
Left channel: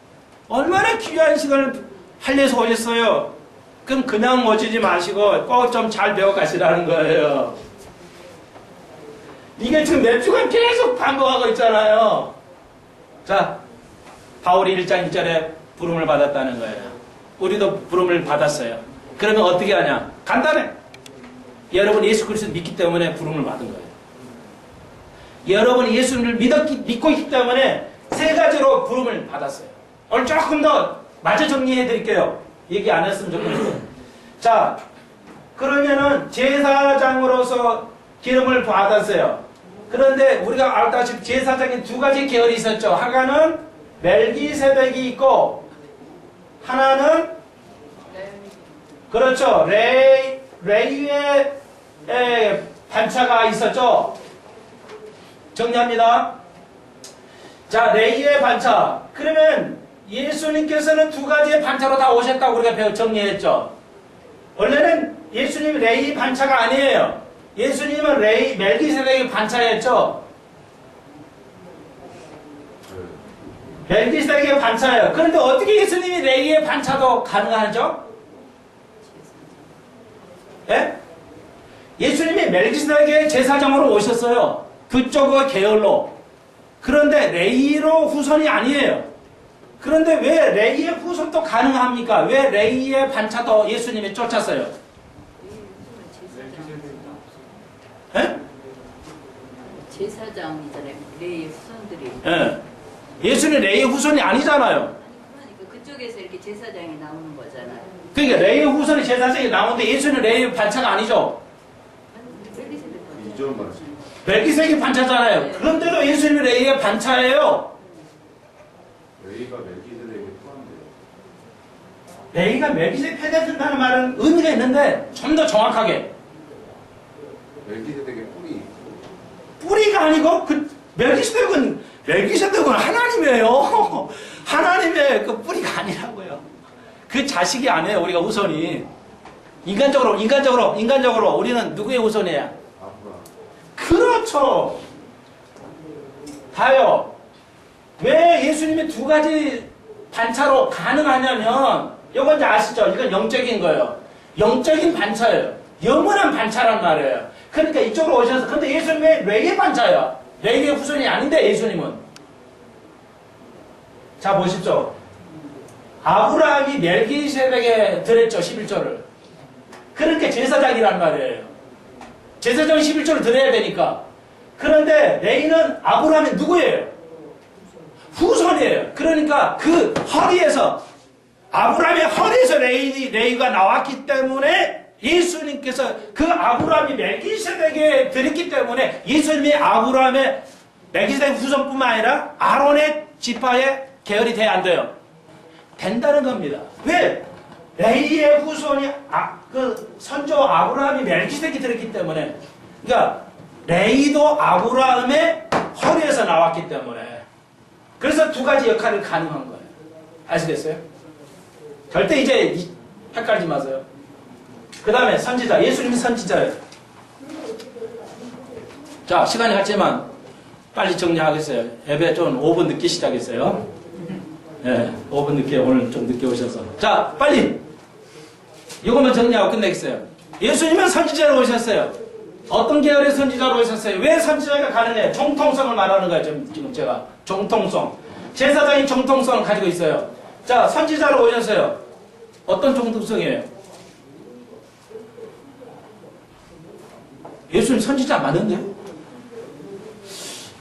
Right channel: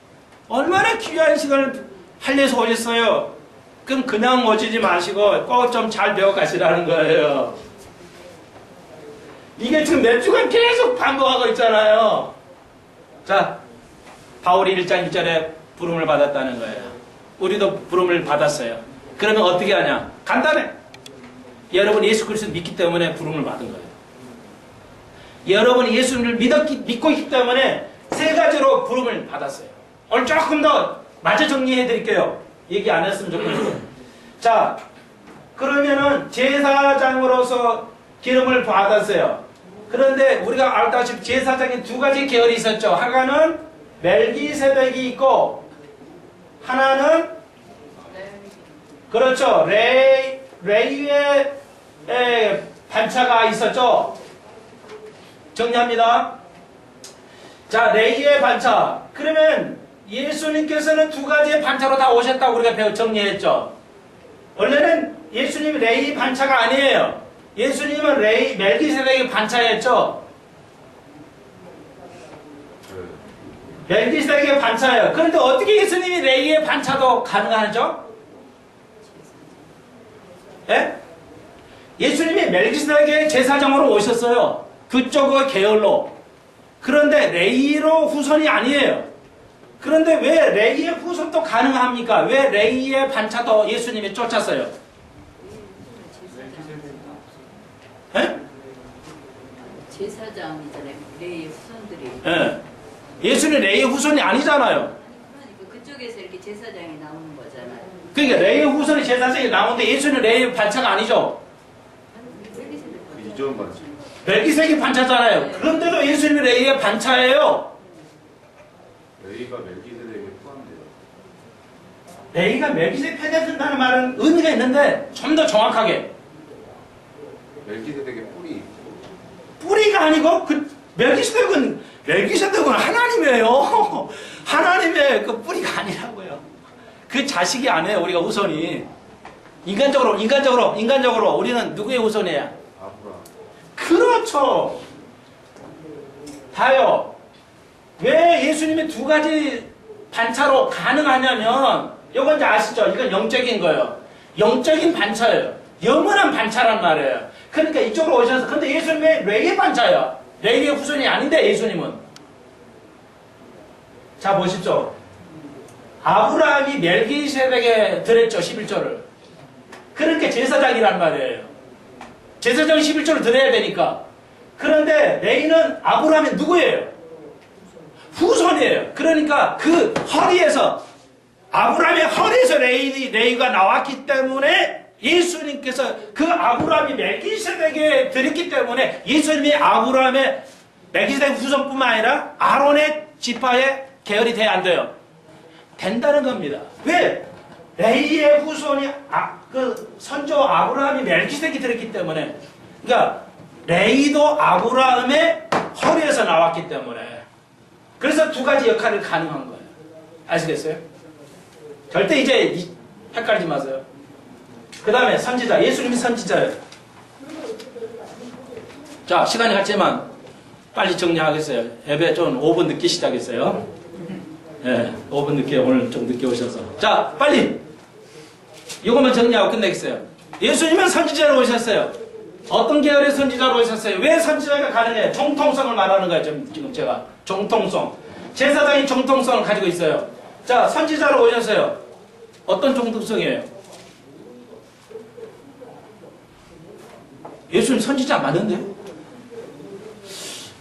얼마나 귀한 시간을 할려서 오셨어요. 그럼 그냥 오시지 마시고 꼭 좀 잘 배워 가시라는 거예요. 이게 지금 몇 주간 계속 반복하고 있잖아요. 자, 바울이 1장 1절에 부름을 받았다는 거예요. 우리도 부름을 받았어요. 그러면 어떻게 하냐? 간단해. 여러분 예수 그리스도를 믿기 때문에 부름을 받은 거예요. 여러분이 예수님을 믿고 있기 때문에 세 가지로 부름을 받았어요. 오늘 조금 더 마저 정리해 드릴게요. 얘기 안 했으면 좋겠어요. 자, 그러면은 제사장으로서 기름을 받았어요. 그런데 우리가 알다시피 제사장이 두 가지 계열이 있었죠. 하나는 멜기세덱이 있고 하나는 그렇죠. 레위의 반차가 있었죠. 정리합니다. 자, 레위의 반차. 그러면 예수님께서는 두 가지의 반차로 다 오셨다고 우리가 정리했죠. 원래는 예수님이 레위 반차가 아니에요. 예수님은 멜기세덱의 반차였죠. 멜기세덱의 반차예요. 그런데 어떻게 예수님이 레위의 반차도 가능하죠? 예? 예수님이 멜기세덱의 제사장으로 오셨어요. 그쪽의 계열로. 그런데 레위로 후손이 아니에요. 그런데 왜 레위의 후손도 가능합니까? 왜 레위의 반차도 예수님이 쫓았어요? 예? 제사장이잖아요. 레위의 후손들이. 예. 예수는 레위의 후손이 아니잖아요. 그러니까 그쪽에서 이렇게 제사장이 나오는 거잖아요. 그러니까 레위의 후손이 제사장이 나오는데 예수는 레위의 반차가 아니죠. 이전 반차. 멜기세덱이 반차잖아요. 네. 그런데도 예수님이 레위의 반차예요. 레위가 멜기세덱에 포함돼요. 레위가 멜기세덱 패대된다는 말은 의미가 있는데 좀 더 정확하게 멜기세덱의 뿌리. 뿌리가 아니고 멜기세덱은 하나님이에요. 하나님의 그 뿌리가 아니라고요. 그 자식이 아니에요. 우리가 후손이 인간적으로 우리는 누구의 후손이에요? 아브라함. 그렇죠. 다요. 왜 예수님이 두 가지 반차로 가능하냐면 이건 이제 아시죠? 이건 영적인 거예요. 영적인 반차예요. 영원한 반차란 말이에요. 그러니까 이쪽으로 오셔서 근데 예수님의 레위의 반차예요. 레위의 후손이 아닌데 예수님은 자 보십시오. 아브라함이 멜기세덱에 드렸죠. 11조를. 그러니까 제사장이란 말이에요. 제사장 11조를 드려야 되니까. 그런데 레위는 아브라함이 누구예요? 후손이에요. 그러니까 그 허리에서 아브라함의 허리에서 레위가 나왔기 때문에 예수님께서 그 아브라함이 멜기세덱에 드렸기 때문에 예수님이 아브라함의 멜기세덱 후손뿐만 아니라 아론의 지파의 계열이 돼야 안 돼요? 된다는 겁니다. 왜? 레위의 후손이 그 선조 아브라함이 멜기세덱이 드렸기 때문에 그러니까 레위도 아브라함의 허리에서 나왔기 때문에 그래서 두 가지 역할을 가능한 거예요. 아시겠어요? 절대 이제 헷갈리지 마세요. 그 다음에 선지자. 예수님이 선지자예요. 자, 시간이 갔지만 빨리 정리하겠어요. 예배 좀 5분 늦게 시작했어요. 네, 5분 늦게 오늘 좀 늦게 오셔서. 자, 빨리 이것만 정리하고 끝내겠어요. 예수님은 선지자로 오셨어요. 어떤 계열의 선지자로 오셨어요? 왜 선지자가 가능해요? 정통성을 말하는 거예요. 지금 제가 정통성. 제사장이 정통성을 가지고 있어요. 자, 선지자로 오셨어요. 어떤 정통성이에요? 예수님 선지자 맞는데?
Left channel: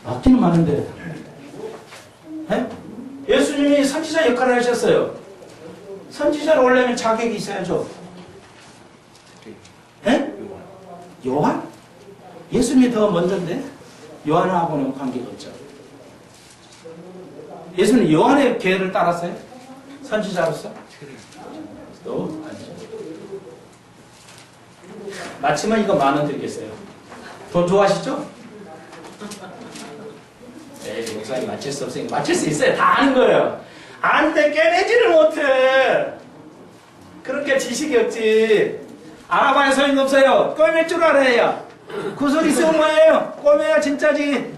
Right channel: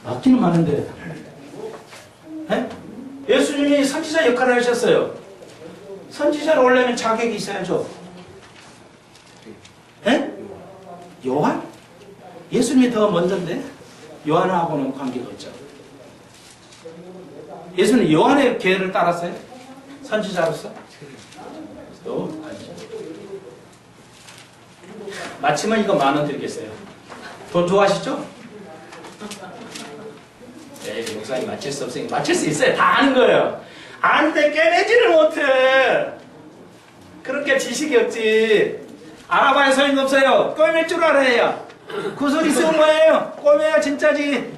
맞기는 맞는데. 예수님이 선지자 역할을 하셨어요. 선지자로 오려면 자격이 있어야죠. 예? 요한? 예수님이 더 먼저인데 요한하고는 관계가 없죠. 예수님 요한의 계를 따랐어요? 선지자로서? 또 아니죠. 마치면 이거 10,000원 드리겠어요. 돈 좋아하시죠? 네, 목사님 맞힐 수 없으니까 맞힐 수 있어요. 다 아는 거예요. 아는데 깨내지를 못해. 그렇게 지식이 없지. 알아봐야 소용없어요. 꿰맬 줄 알아야. 그 소리 쓰는 거예요. 꿰매야 진짜지.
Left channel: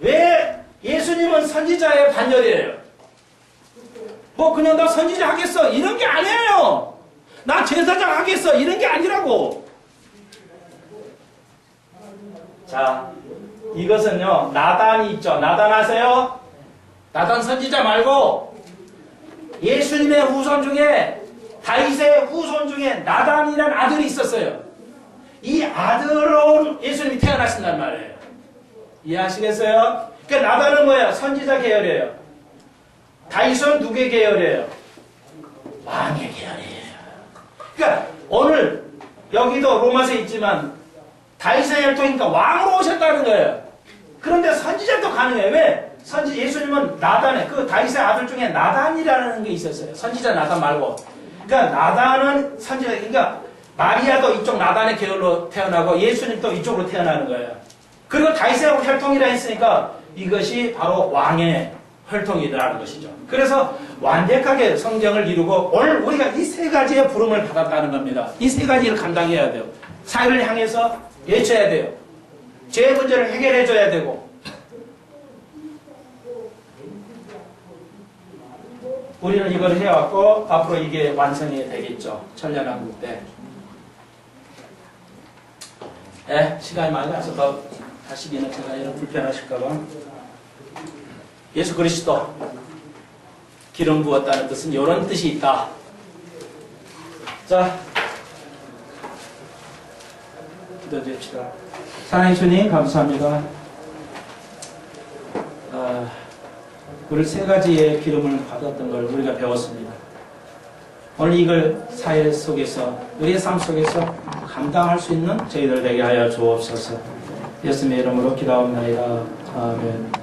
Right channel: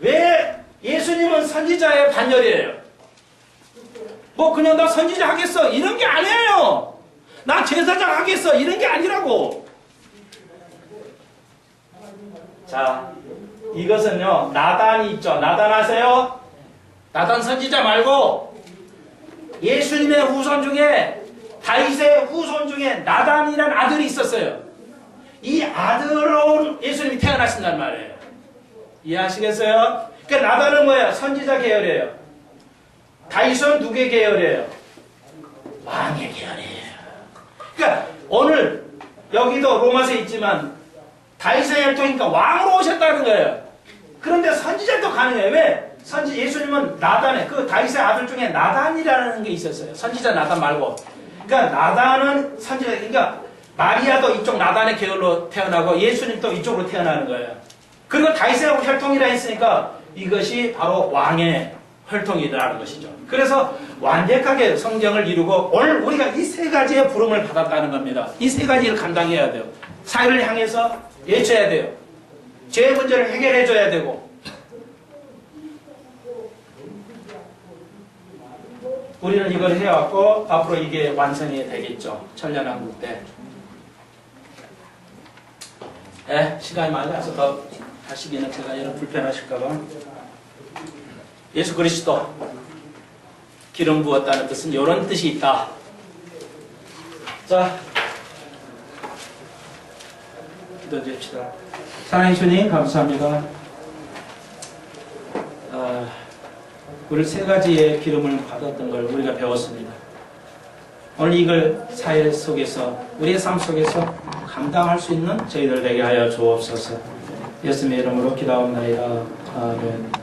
왜 예수님은 선지자의 반열이에요? 뭐 그냥 나 선지자 하겠어 이런 게 아니에요. 나 제사장 하겠어 이런 게 아니라고. 자, 이것은요 나단이 있죠. 나단 아세요? 나단 선지자 말고 예수님의 후손 중에 다윗의 후손 중에 나단이라는 아들이 있었어요. 이 아들로 예수님이 태어나신단 말이에요. 이해하시겠어요? 그러니까 나단은 뭐예요? 선지자 계열이에요. 다윗은 누구의 계열이에요? 왕의 계열이에요. 그러니까 오늘 여기도 로마서에 있지만 다윗의 혈통이니까 왕으로 오셨다는 거예요. 그런데 선지자도 가능해요. 왜? 예수님은 나단에 그 다윗의 아들 중에 나단이라는 게 있었어요. 선지자 나단 말고. 그러니까 나단은 선지자. 그러니까 마리아도 이쪽 나단의 계열로 태어나고 예수님도 이쪽으로 태어나는 거예요. 그리고 다윗의 혈통이라 했으니까 이것이 바로 왕의 혈통이라는 것이죠. 그래서 완벽하게 성경을 이루고 오늘 우리가 이 세 가지의 부름을 받았다는 겁니다. 이 세 가지를 감당해야 돼요. 사회를 향해서 외쳐야 돼요. 죄의 문제를 해결해 줘야 되고 우리는 이걸 해왔고 앞으로 이게 완성이 되겠죠. 천년왕국 때. 시간이 많이 가서 더 하시기는 제가 여러분 불편하실까봐. 예수 그리스도 기름 부었다는 뜻은 이런 뜻이 있다. 자, 기도드립시다. 사랑의 주님 감사합니다. 우리 세 가지의 기름을 받았던 걸 우리가 배웠습니다. 오늘 이걸 사회 속에서 우리의 삶 속에서 감당할 수 있는 저희들 되게 하여 주옵소서. 예수님의 이름으로 기도합나이다. 아멘.